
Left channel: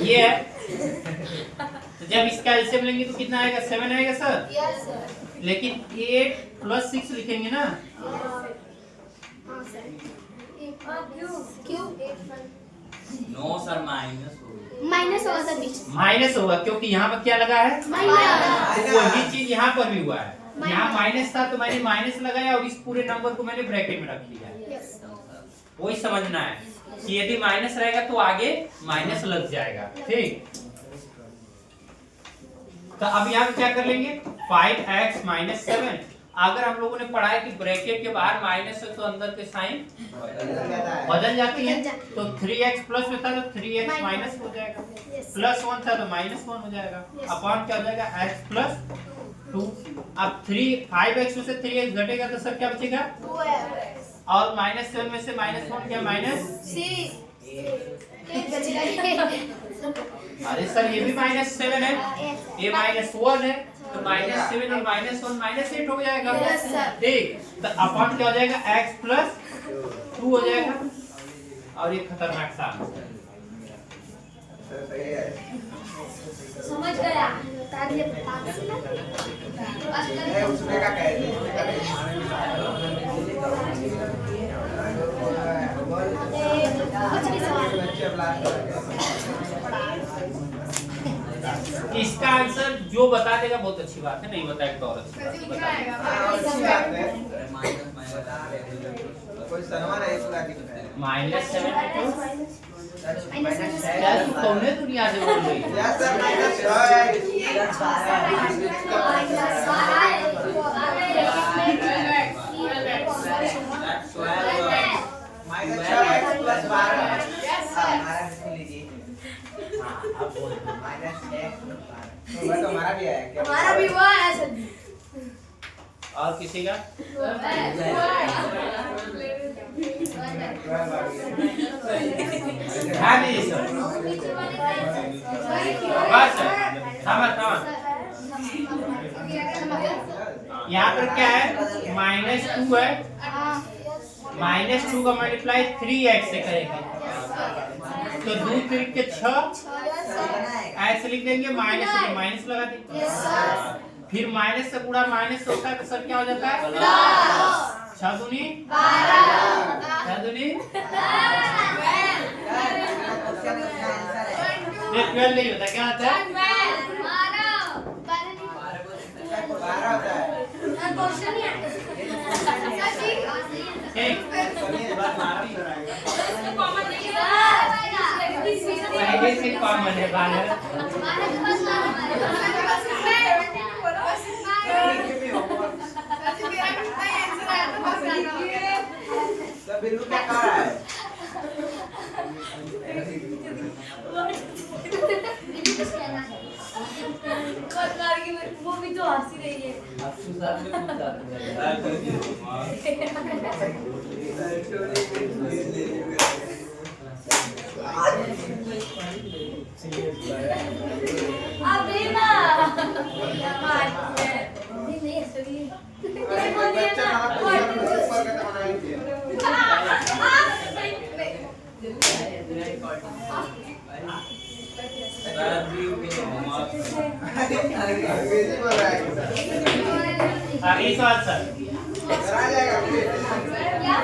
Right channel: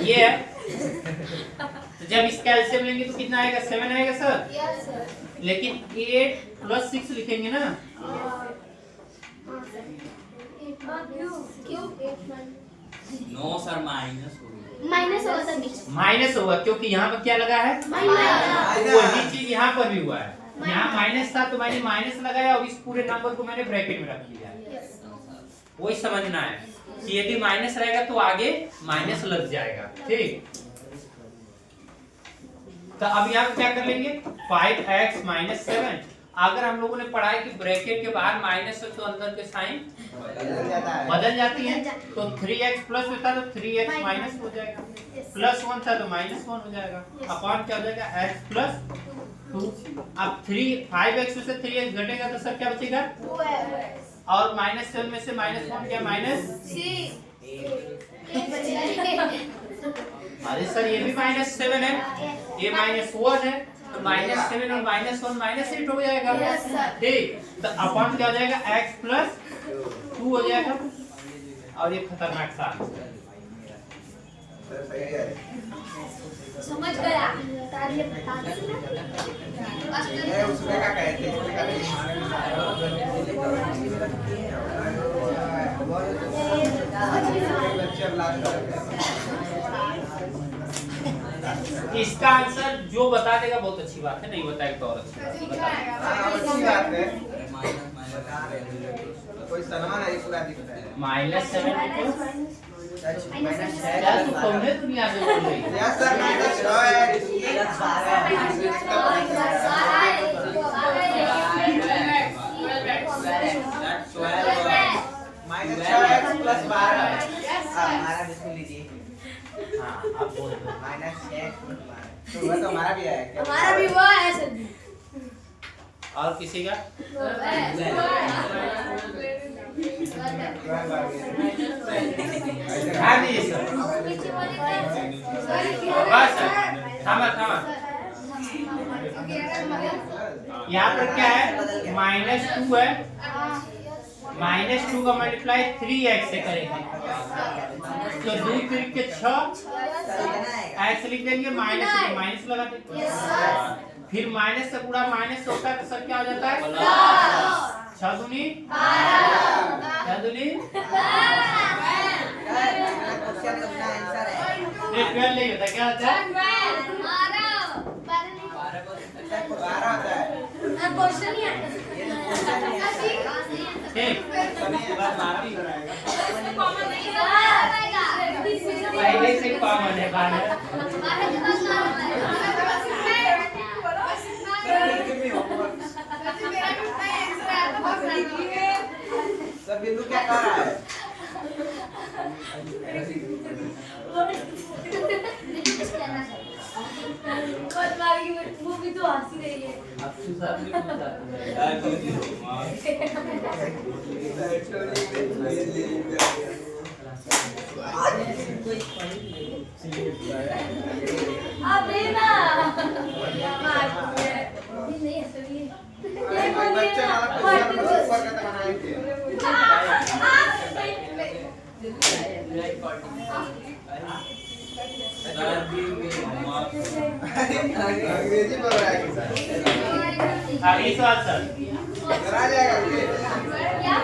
ये है। तो जब इसका एलसीएम लेंगे तो कितना आएगा, 7 आएगा सर। Yes sir. लेकिन 8 प्लस 6 लिखेंगे ना, क्यों? नो सर, माइनस माइनस होगा सर बीच। माइनस होगा क्योंकि यहाँ पर क्या लगा है, माइनस। वही चीज यहाँ पर भी हुआ है। यहाँ माइनस था तो मैंने माइनस लगाया और इस पूरे नंबर को मैंने ब्रैकेट में रख लिया है। वही समझना है कि यदि माइनस रहेगा तो आगे माइनस लग जाएगा, ठीक। तो अब यहाँ पे क्या कर लेंगे, 5x माइनस 7। अगर हम लोगों ने पढ़ा है कि ब्रैकेट के बाहर माइनस है तो अंदर के साइन बदल जाती है, तो 3x प्लस में था तो 3x माइनस हो जाएगा, प्लस 1 था तो माइनस 1 हो जाएगा, अपॉन क्या हो जाएगा x प्लस 2। अब 5x में से 3x घटेगा तो सर क्या बचेगा, और माइनस 7 में से माइनस 1 क्या, माइनस। अरे सर ये भी माइनस 7 है, ये माइनस 1 है, तो माइनस 7 और माइनस 1 माइनस 8 हो जाएगा, ठीक। तो अपॉन क्या हो जाएगा, x प्लस 2 हो जाएगा, और ये खतरनाक सा समझ गया। उसमें क्या कहते इसका आंसर जो बता देगा बहुत अच्छी बात है, नहीं बताएगा तो और अच्छी बात है। माइनस 7 क्या तुमने दुनिया से बोल रही है, हाँ अब बोल दो। हमारा भी है क्या? हमारा भी हुआ है सर। और किसी का, हाँ जी सर, बस थामा थामा। यहाँ पर क्या है, -2 है, -2 का मल्टीप्लाई 3x से करेंगे तो 2 3 के 6 ऐसे लिख देंगे, माइनस माइनस लगा देंगे, फिर माइनस से गुणा माइनस होता है तो सर क्या हो जाता है, 6 दूनी 12 नहीं होता, क्या होता है, ठीक। पहले से कॉमन है 12। बिल्लू क्या कर रहा है? वो भी तो हंसी रही है। अब लेना ये नहीं है सर, ये बोलिए ना। अंग्रेजी बोल रहा है अगली सवाल सर, करा जाएगा क्या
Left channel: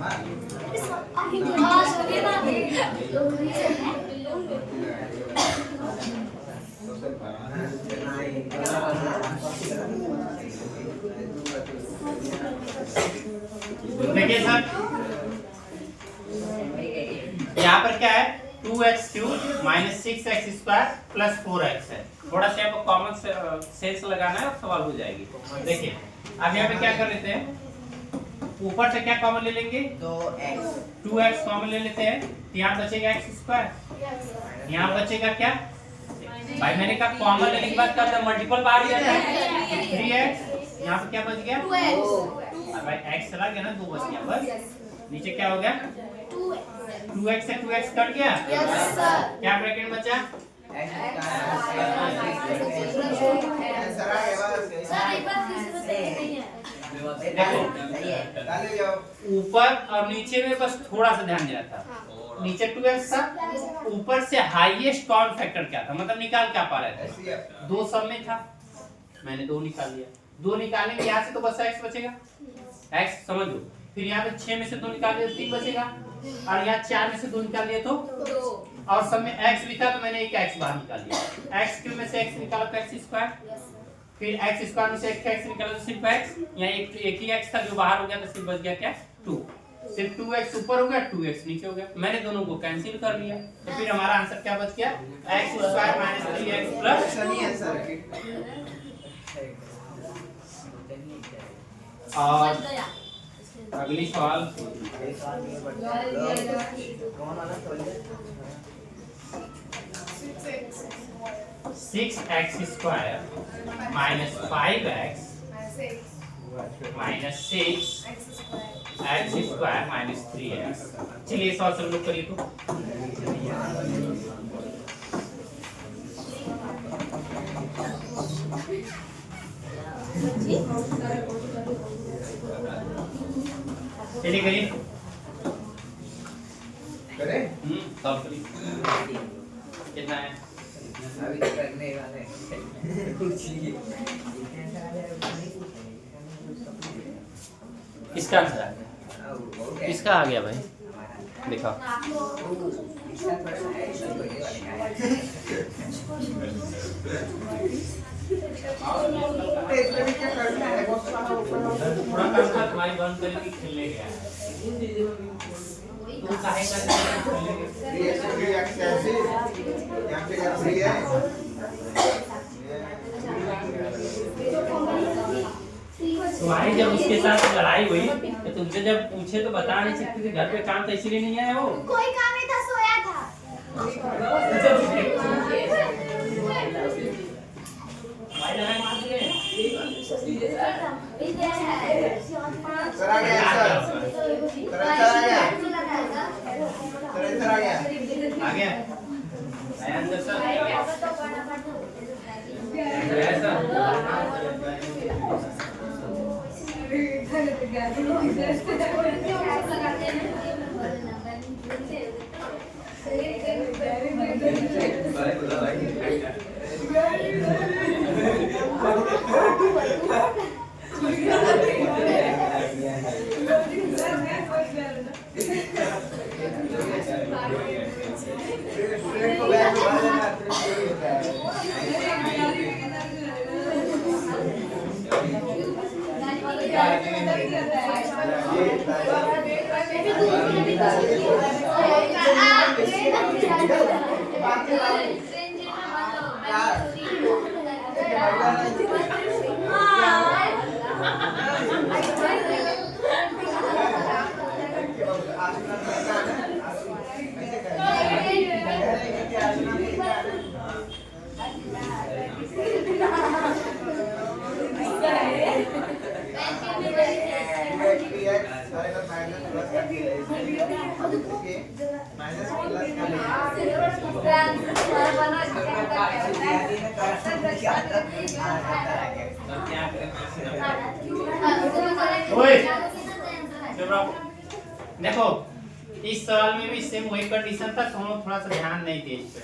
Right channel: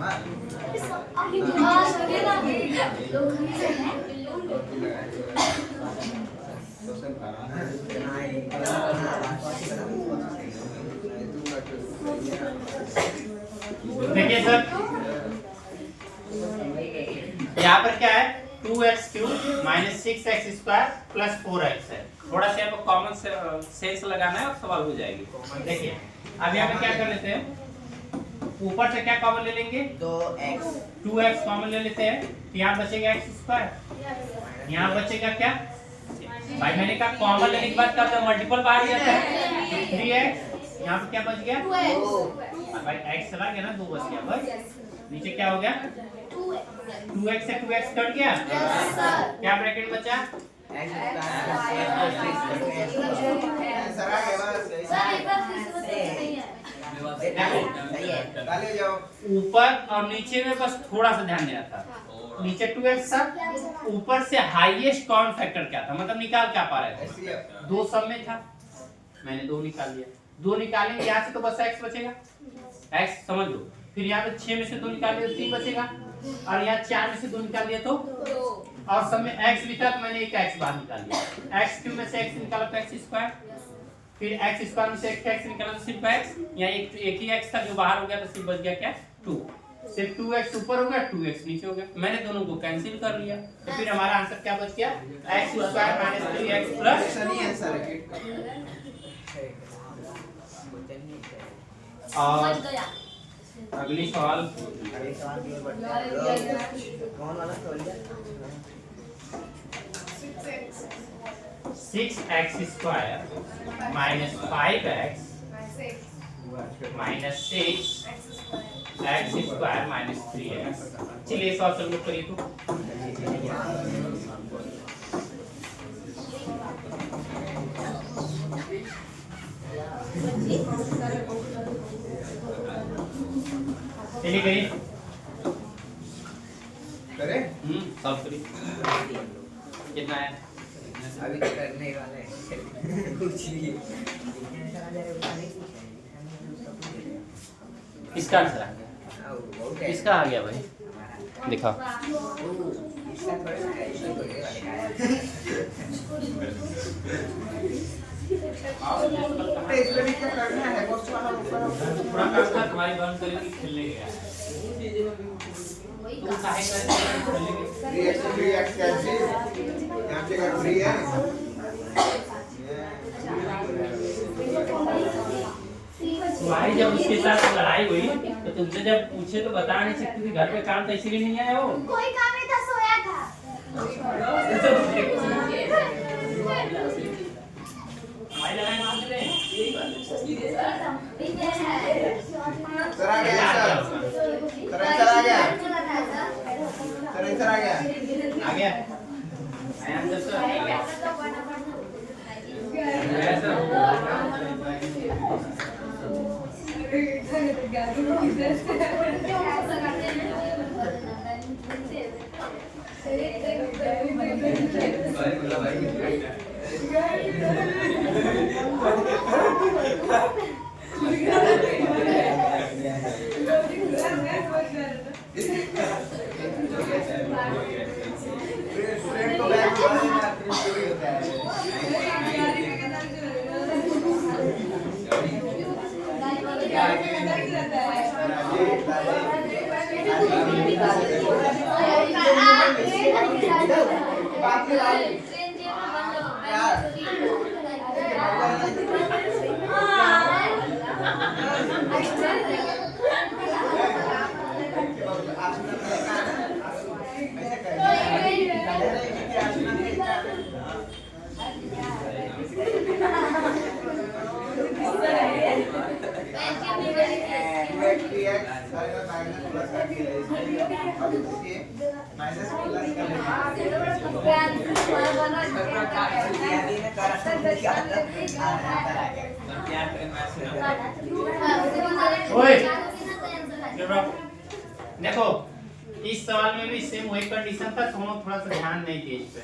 हाँ सके ना देखिए सर, यहाँ पर क्या है 2x³ minus 6x² plus 4x है। थोड़ा सा आपको कॉमन सेंस लगाना है और सवाल हो जाएगी। देखिए अब यहाँ पे क्या कर लेते हैं, ऊपर से क्या कॉमन ले लेंगे 2x कॉमन ले लेते हैं, तो यहाँ बचेगा x², यहाँ बचेगा क्या भाई, मैंने कहा कॉमन लेने के बाद क्या होता है मल्टीपल बाहर जाता है 3x, यहाँ पे क्या बच गया भाई x चला गया ना, 2 बच गया बस, नीचे क्या हो गया 2x से 2x कट गया, क्या ब्रैकेट बचा ऊपर और नीचे में बस थोड़ा सा ध्यान देना था, नीचे 2x था, ऊपर से हाईएस्ट कॉमन फैक्टर क्या था, मतलब निकाल क्या पा रहे थे, 2 सब में था, मैंने 2 निकाल लिया, 2 निकालेंगे यहाँ से तो बस x बचेगा, x समझ लो, फिर यहाँ पे 6 में से 2 निकाल लिया तो 3 बचेगा, और यहाँ 4 में से 2 निकाल लिया तो, और सब में x भी था तो मैंने एक x बाहर निकाल लिया, x³ में से x निकाला तो x², फिर x² में से एक x निकाला तो सिर्फ x, यहाँ एक ही x था जो बाहर हो गया तो सिर्फ बच गया क्या 2, सिर्फ 2x ऊपर हो गया 2x नीचे हो गया, मैंने दोनों को कैंसिल कर लिया, तो फिर हमारा आंसर क्या बच गया x² माइनस 3x प्लस, और अगली सवाल 6x² minus 5x minus 6x² minus 3x, चलिए सवाल सब लोग करिए तो, चलिए करिए सॉल्व करिए, कितना है अभी तो करने वाले हैं कुछ नहीं किसका आंसर आ गया, किसका आ गया भाई दिखाओ, इसका थोड़ा है इसको बड़े वाले इसमें क्या करना है पूरा काम कर तुम्हारी बंद करेगी खेलने गया, तुम काहे कर खेलने गए, 3x कैसे यहाँ पे क्या 3 है तुम्हारी जब उसके साथ लड़ाई हुई तो तुमसे जब पूछे तो बता नहीं सकती थी, घर पे काम था इसलिए नहीं आया वो, कोई काम नहीं था, सोया था। सर आ गया सर आ गया सर आ गया आ गया आंसर सर देखो इस सवाल में भी सेम वही कंडीशन था, तुम लोग थोड़ा सा ध्यान नहीं दिए इस पे।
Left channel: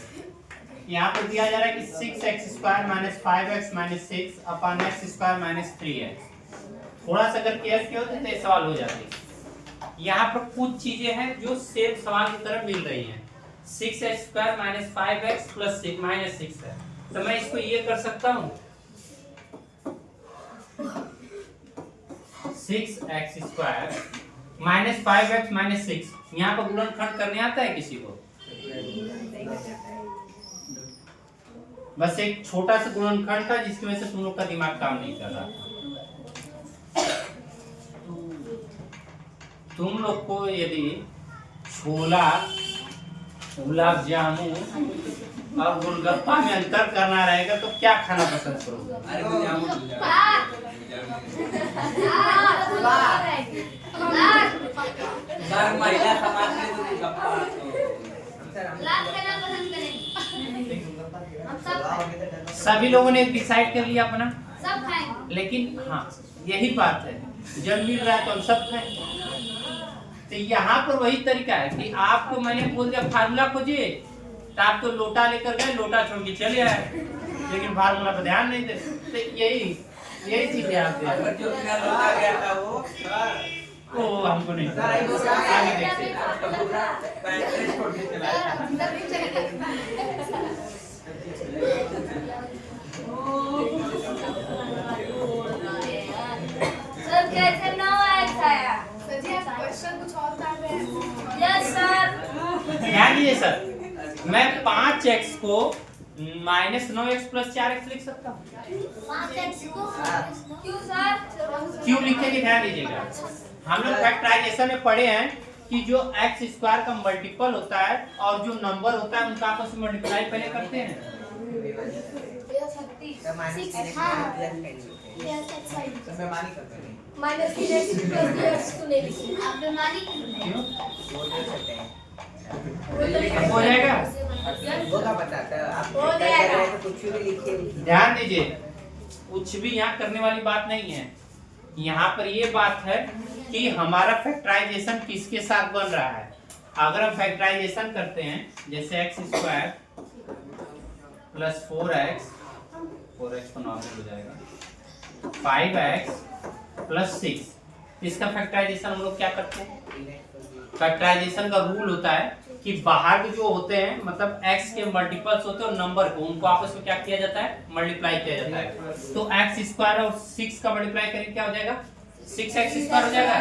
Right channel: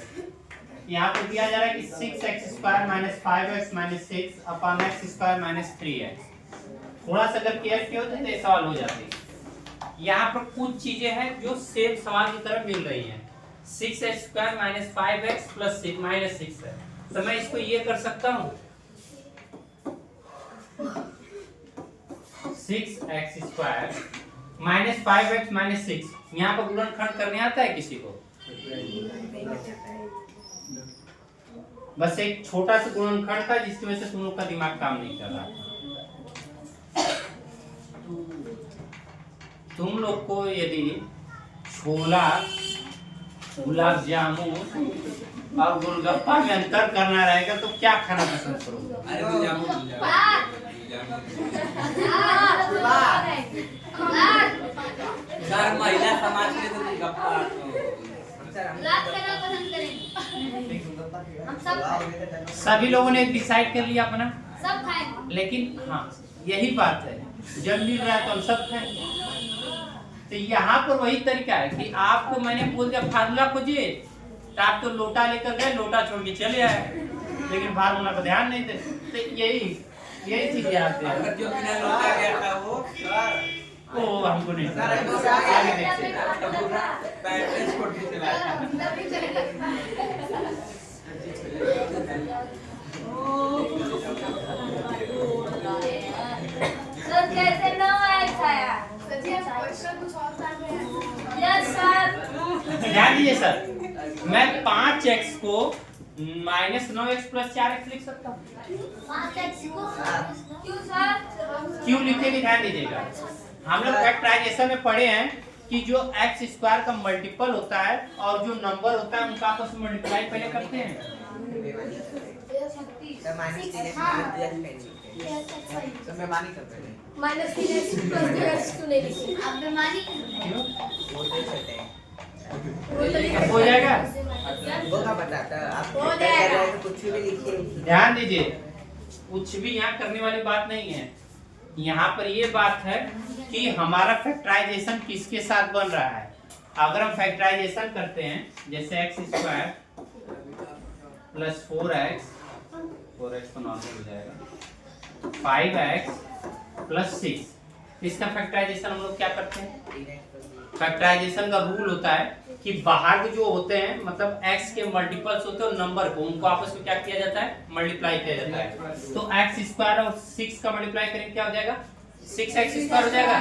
यहाँ पर दिया जा रहा है कि 6x² minus 5x minus 6 upon x² minus 3x, थोड़ा सा अगर केयर किया होते तो ये सवाल हो जाते। यहाँ पर कुछ चीजें हैं जो सेम सवाल की तरह मिल रही हैं। 6x² minus 5x plus minus 6 है, तो मैं इसको ये कर सकता हूँ 6x² माइनस 5x माइनस 6। यहाँ पर गुणनखंड करने आता है किसी को? बस एक छोटा सा गुणनखंड था जिसकी वजह से तुम लोग का दिमाग काम नहीं कर रहा था। तुम लोग को यदि छोला, गुलाब जामुन और गोलगप्पा में अंतर करना रहेगा तो क्या खाना पसंद करोगे? अरे वो जामुन सर, महिला समाज में तो गप्पा सभी लोगों ने डिसाइड कर लिया अपना, सब खाएंगे। लेकिन हाँ यही बात है, जब मिल रहा है तो हम सब खाएं। तो यहाँ पर वही तरीका है कि आपको मैंने बोल दिया फार्मूला खोजिए, तो आप तो लोटा लेकर गए, लोटा छोड़ के चले आए, लेकिन फार्मूला पर ध्यान नहीं दे। तो यही चीज याद है। अगर जो बिना लौटा गया था वो ओ हमको नहीं पता। आगे देखते हैं। पैंट छोड़ के चला सर कैसे 9x आया? क्वेश्चन कुछ और कर रहे हैं। Yes sir. ध्यान दीजिए सर, मैं 5x को माइनस 9x प्लस 4x लिख सकता हूँ। 5x को क्यों सर? क्यों लिखेंगे ध्यान दीजिएगा। हम लोग फैक्टराइजेशन में पढ़े हैं कि जो x² का मल्टीपल होता है और जो नंबर होता है उनका आपस में मल्टीप्लाई पहले करते हैं। माइनस 3x प्लस 2x को नहीं लिखी। आप बेमानी क्यों? क्यों? हो जाएगा। वो क्या बताता है? आप हो कर जाएगा। रहे हैं तो कुछ भी लिखिए। ध्यान दीजिए, कुछ भी यहाँ करने वाली बात नहीं है। यहाँ पर ये बात है कि हमारा फैक्टराइजेशन किसके साथ बन रहा है। अगर हम फैक्टराइजेशन करते हैं जैसे x² प्लस 4x को नॉर्मल हो जाएगा, 5x प्लस 6, इसका फैक्टराइजेशन हम लोग क्या करते हैं? फैक्टराइजेशन का रूल होता है कि बाहर के जो होते हैं मतलब x के मल्टीपल्स होते हैं और नंबर को उनको आपस में क्या किया जाता है? मल्टीप्लाई किया जाता है। तो x² और 6 का मल्टीप्लाई करेंगे क्या हो जाएगा? 6x² हो जाएगा।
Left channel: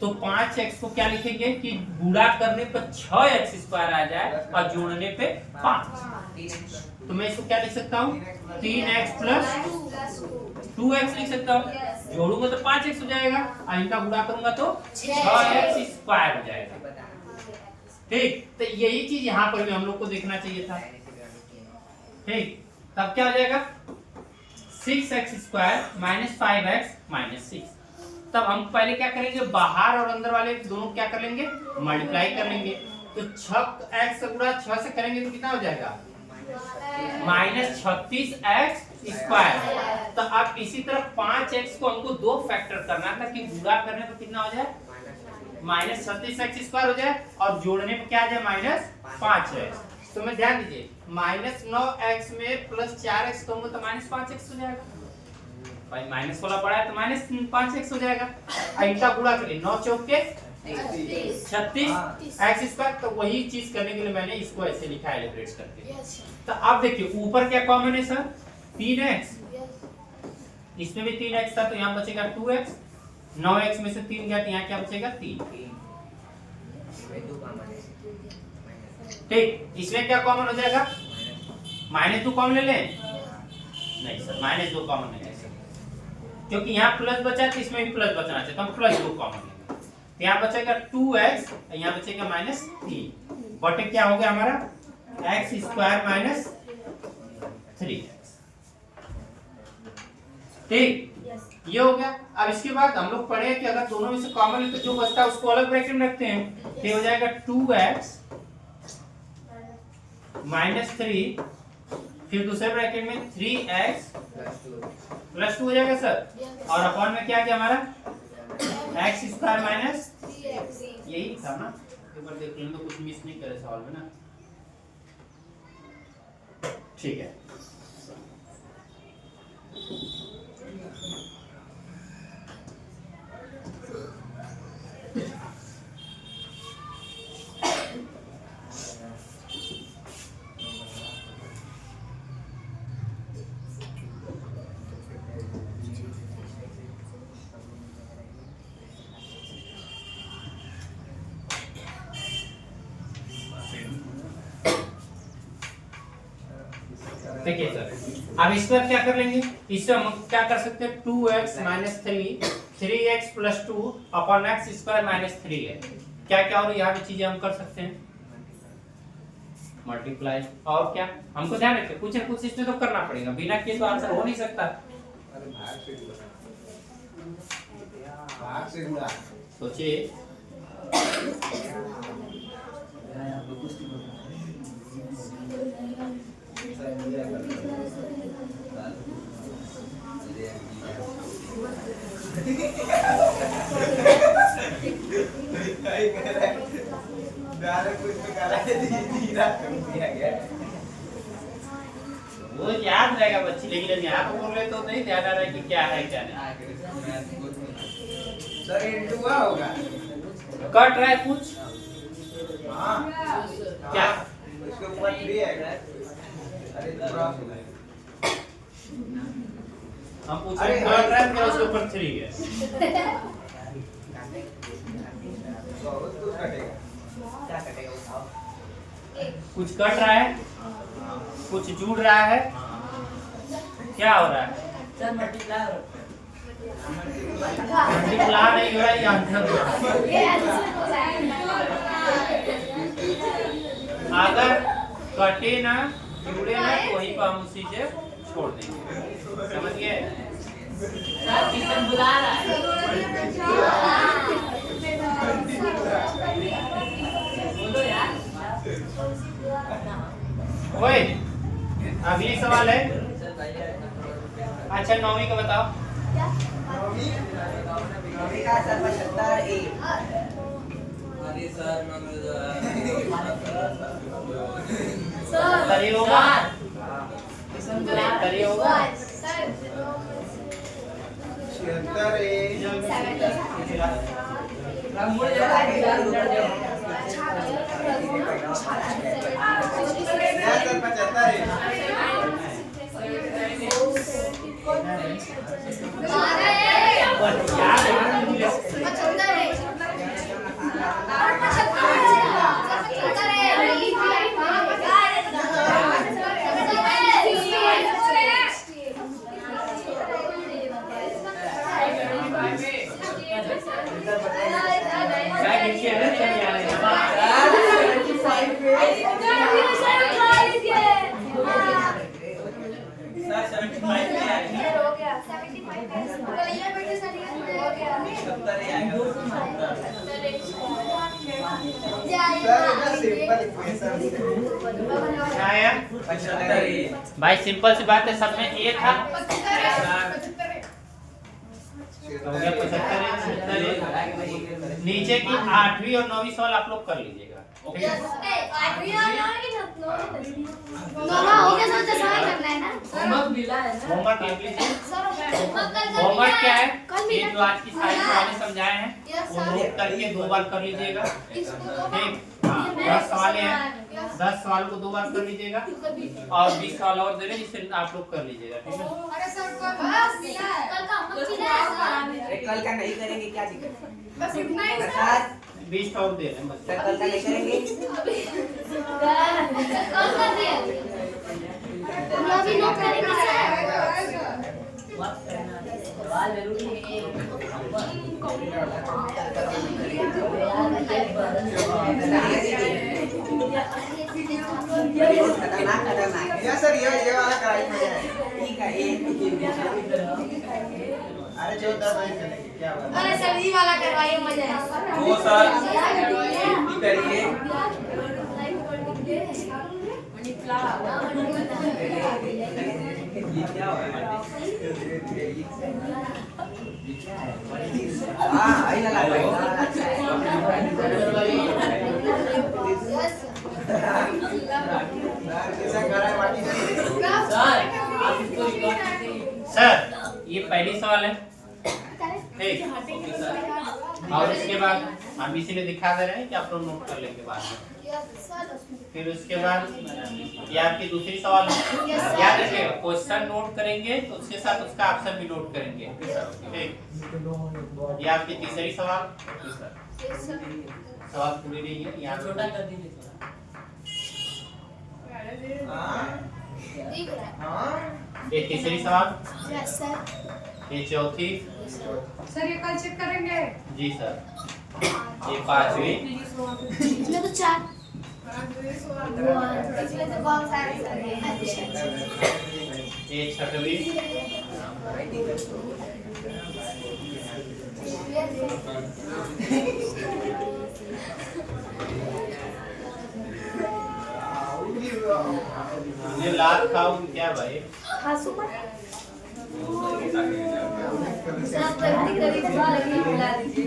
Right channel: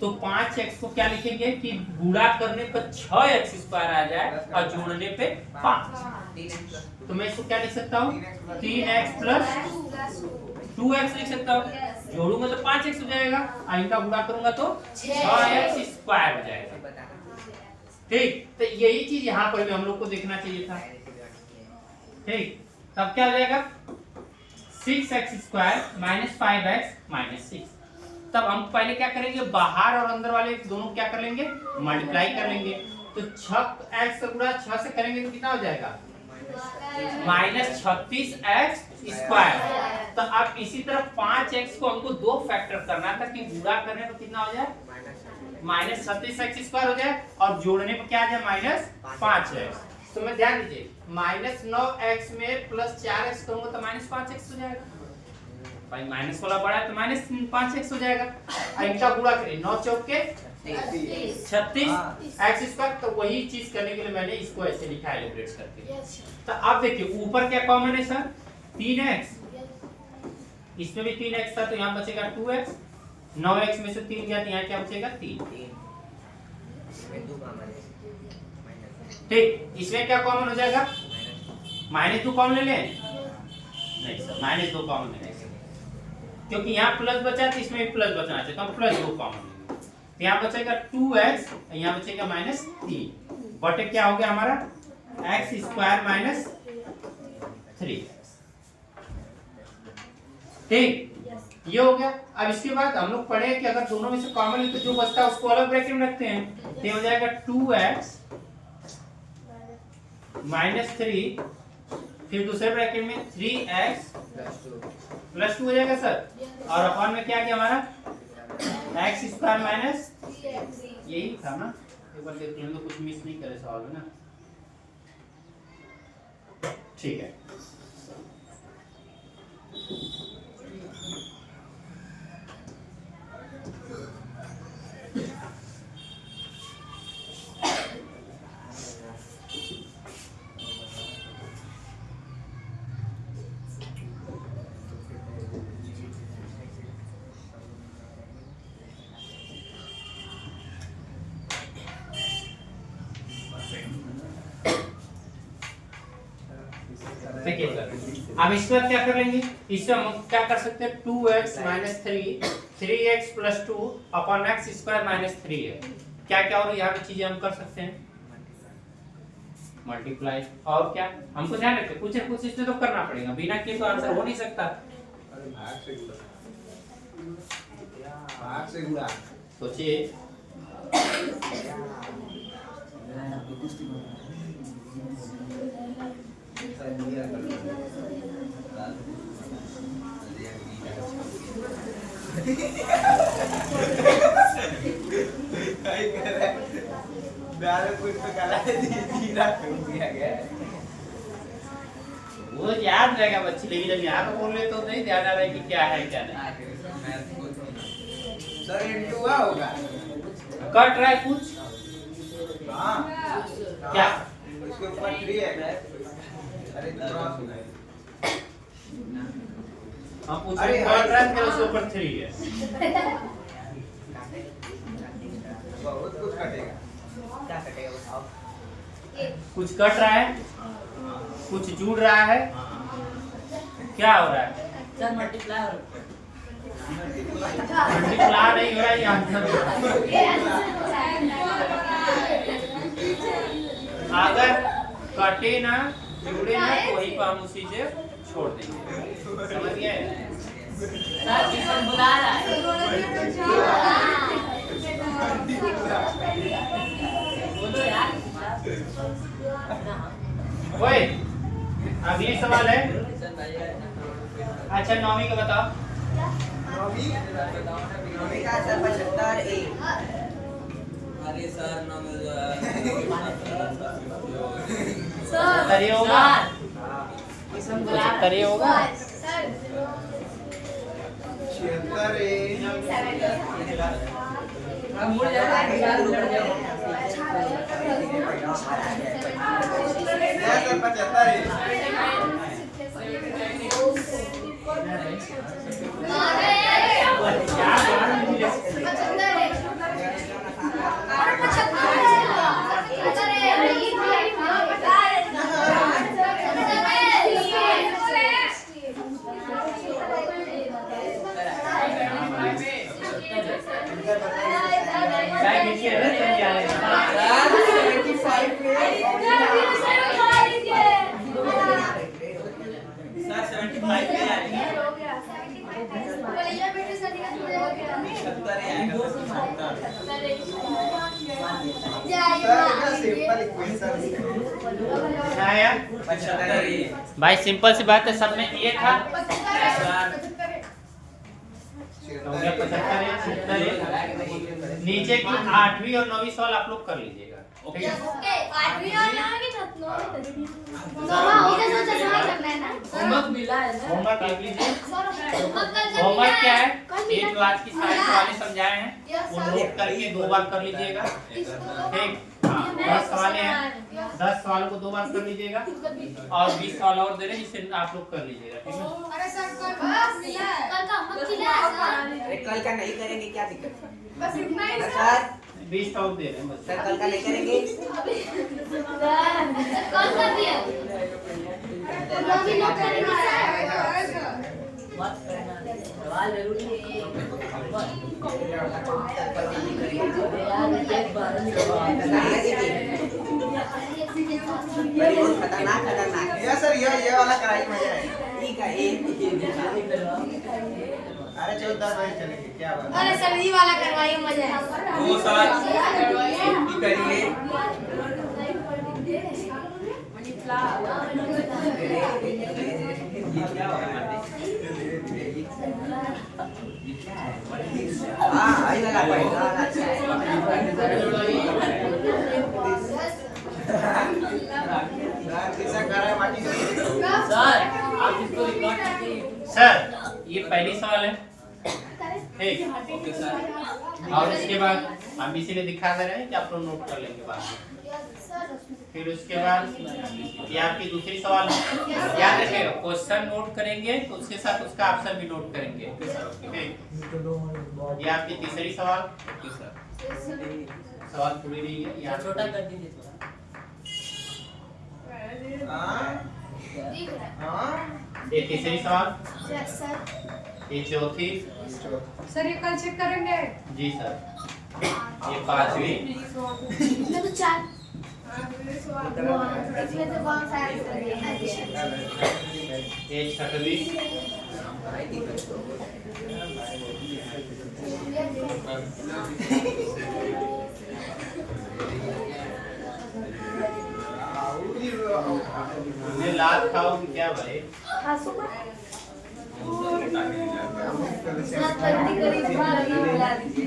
तो 5x को क्या लिखेंगे कि गुणा करने पर 6x² आ जाए और जोड़ने पे 5। तो मैं इसको क्या लिख सकता हूँ? 3x प्लस 2x लिख सकता हूँ। जोड़ूंगा तो 5x हो जाएगा और इनका गुणा करूंगा तो 6x² हो जाएगा। ठीक, तो यही चीज यहाँ पर भी हम लोग को देखना चाहिए था। ठीक, तब क्या हो जाएगा? 6x² minus 5x minus 6। तब हम पहले क्या करेंगे? बाहर और अंदर वाले दोनों क्या कर लेंगे? मल्टीप्लाई कर लेंगे। तो 6x का गुणा 6 से करेंगे तो कितना हो जाएगा? Minus 36x²। तो अब इसी तरह 5x को हमको 2 फैक्टर करना था कि गुणा करने पर कितना हो जाए? माइनस 36x² हो जाए और जोड़ने पर क्या आ जाए? Minus 5x। तो मैं ध्यान दीजिए, माइनस 9x में प्लस 4x करूंगा तो माइनस 5x हो जाएगा। भाई माइनस वाला बड़ा है तो माइनस 5x हो जाएगा। इनका गुणा करिए, 9 चौक के 36x²। तो वही चीज करने के लिए मैंने इसको ऐसे लिखा है एलिब्रेट करके। तो अब देखिए ऊपर क्या कॉमन है सर? 3x, इसमें भी 3x था तो यहाँ बचेगा 2x। 9x में से 3 गया तो यहाँ क्या बचेगा? 3। ठीक, इसमें क्या कॉमन हो जाएगा? -2 कॉमन ले लें? नहीं सर, -2 कॉमन नहीं ले सकते क्योंकि यहाँ प्लस बचा है तो इसमें भी प्लस बचना चाहिए, तो हम +2 कॉमन लेंगे। तो यहाँ बचेगा 2x, यहाँ बचेगा -3 बटे क्या हो गया हमारा? x² minus 3x। ठीक, ये हो गया। अब इसके बाद हम लोग पढ़े कि अगर दोनों में से कॉमन है तो जो बचता है उसको अलग ब्रैकेट में रखते हैं। तो हो जाएगा 2x माइनस 3, फिर दूसरे ब्रैकेट में 3x प्लस 2 हो जाएगा सर। और अपॉन में क्या किया हमारा? x² माइनस, यही था ना? एक बार देख लें तो कुछ मिस नहीं करे सवाल में ना। ठीक है, देखिए सर, अब इसके बाद क्या कर लेंगे, इससे हम क्या कर सकते हैं 2x minus 3x plus 2 upon x square minus 3 है। क्या क्या और यहाँ की चीजें हम कर सकते हैं, मल्टीप्लाई, और क्या हमको ध्यान रखें कुछ न कुछ इसमें तो करना पड़ेगा, बिना किए तो आंसर हो नहीं सकता। अरे भाग से गुड़ा सोचिए, वो याद रहेगा बच्ची, लेकिन अब यहाँ पे बोल रहे तो नहीं ध्यान आ रहा है कि क्या है क्या नहीं। सर इनटू हुआ होगा। कट रहा है कुछ, हाँ क्या इसके ऊपर 3 है। अरे क्रॉस हो गया। हम पूछ रहे हैं कट रहा है, उसके ऊपर 3 है। बहुत कुछ कटेगा। क्या कटेगा बताओ। कुछ कट रहा है, कुछ जुड़ रहा है, क्या हो रहा है, सर मल्टीप्लाई मल्टीप्लाई नहीं हो रहा है, ये आंसर हो रहा है। ये आंसर हो रहा है। अगर कटे ना जुड़े ना तो वहीं पर हम उसी से छोड़ देंगे, समझ गए। सर किशन बुला रहा है। बोलो यार। ओए अगली सवाल है, अच्छा 9वीं का बताओ। नौवीं का सर 75 ए। अरे सर मैं सर ये होगा, किशन बुला रहा सर ये होगा, 76 है। हम बोल जा रहा है लड़ जाओ। सर 75 है। भाई सिंपल सी बात है, सब में ए था, हो गया 75 है, 77 है। नीचे की 8वीं और 9वीं सवाल आप लोग कर लीजिएगा। होमवर्क मिला है ना। होमवर्क लिख लीजिए। होमवर्क क्या है, ये जो आज की सारी सवालें समझाए हैं वो नोट करके 2 बार कर लीजिएगा, ठीक। हाँ 10 सवालें हैं, 10 सवालों को 2 बार कर लीजिएगा, और 20 सवाल और दे रहे हैं जिससे आप लोग कर लीजिएगा, ठीक है। अरे कल का नहीं करेंगे क्या दिक्कत है? बस इतना ही सर 20 और दे रहे हैं बस। सर कल का नहीं करेंगे। मत करना सवाल जरूरी है। ये सर ये वाला कराई मजा है। ठीक है ये अरे 14 बजे चलेंगे क्या बात है। सर्दी वाला करवाइए, मजा है। वो सर करिए। हाँ वही लगा लो। कैसा कर रहा है माटी का? सर आप इसको रिकॉर्ड कीजिए। सर ये पहली सवाल है, ठीक। और इसके बाद हम इसी ने दिखा दे रहे हैं कि आप लोग नोट कर लेंगे बाद में। फिर उसके बाद ये आपकी दूसरी सवाल है, याद रखिएगा क्वेश्चन नोट करेंगे तो उसके साथ उसका आंसर भी नोट करेंगे, ठीक। ये आपकी तीसरी सवाल, सवाल पूरी नहीं है, यहाँ छोटा कर दीजिए थोड़ा। हाँ दिख रहा है। हाँ ये तीसरी सवाल, यस सर। ये चौथी, सर ये कल चेक करेंगे। जी सर, ये पांचवी, इसमें तो 4 इसमें तो बहुत सारे सर हैं। ये छठवीं, ये लात खाओगी क्या भाई? खासू पर सर जल्दी करिए तुम्हारा लगी बुला दीजिए।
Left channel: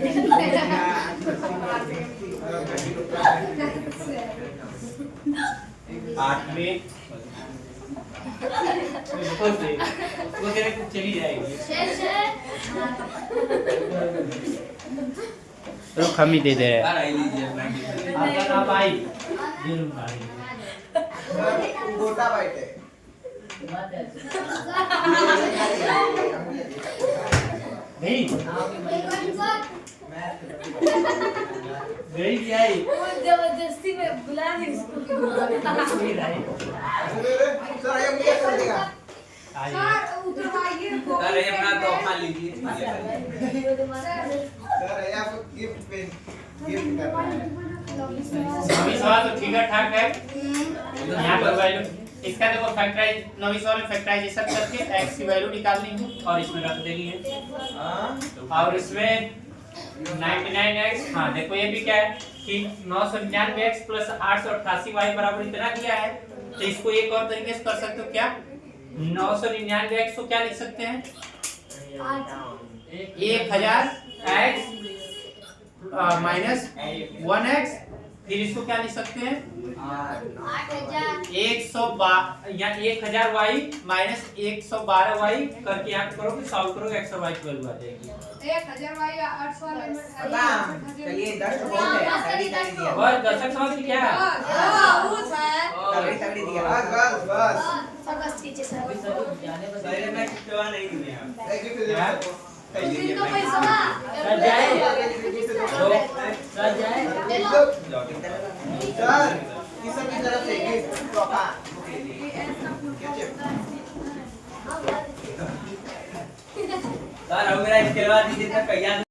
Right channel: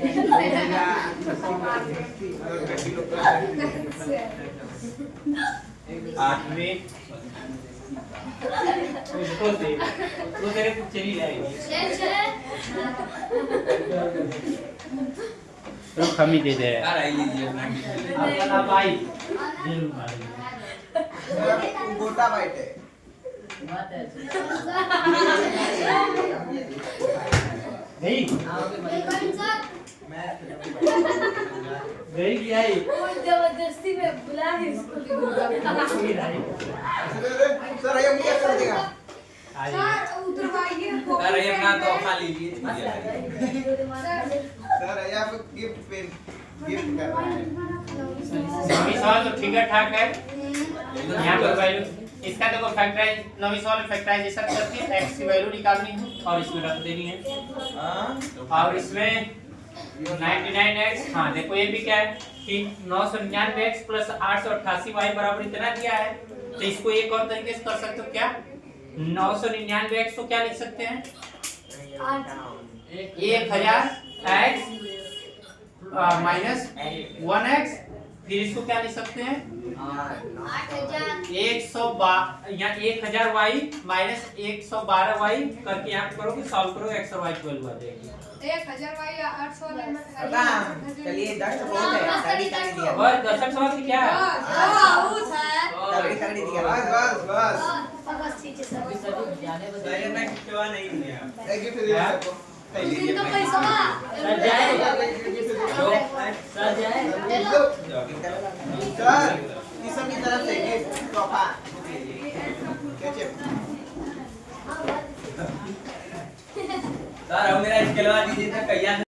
आठवीं, वो तेरे को चली जाएगी। रुक हम ही दे दे। सर आई लीजिए अपना आपका नाम आई, ये लो आई। गोटा वाइट है नहीं गई क्या है? जबरदस्ती में बुला दी उसको। ये रही। सर ये क्या कर देगा आई। सर उतरवाइए को। सर ये अपना तोहफा लीजिए सर ये आप गिफ्ट पेन गिफ्ट कर रहा है नौवीं सवाल तो ठीक ठाक है। यहाँ पर वैल्यू इसका देखो फैक्टराइज, नौवीं सवाल में फैक्टराइजेशन करके x की वैल्यू निकालनी है और इसमें रख देनी है। और इसमें 99x, हाँ देखो ये भी क्या है कि 999x प्लस 888y बराबर इतना दिया है। तो इसको एक और तरीके से कर सकते हो क्या, 999x को क्या लिख सकते हैं 1000x माइनस 1x, फिर इसको क्या लिख सकते हैं 1000y माइनस 112y करके यहाँ पे करोगे, सॉल्व करोगे x और y की वैल्यू आ जाएगी। 1000 वाई 800 चलिए 10 तो बहुत है तगड़ी तगड़ी दिया बस दशक समझ क्या है? तगड़ी तगड़ी दिया बस बस सर बस कीजिए सर। सर ये मैं खिलवा नहीं दिया एक गिफ्ट दे उसकी तो पैसा सर जाए। सर किसी की तरफ से गिफ्ट तोहफा सर अब मेरा खिलवा दीजिए सर कैया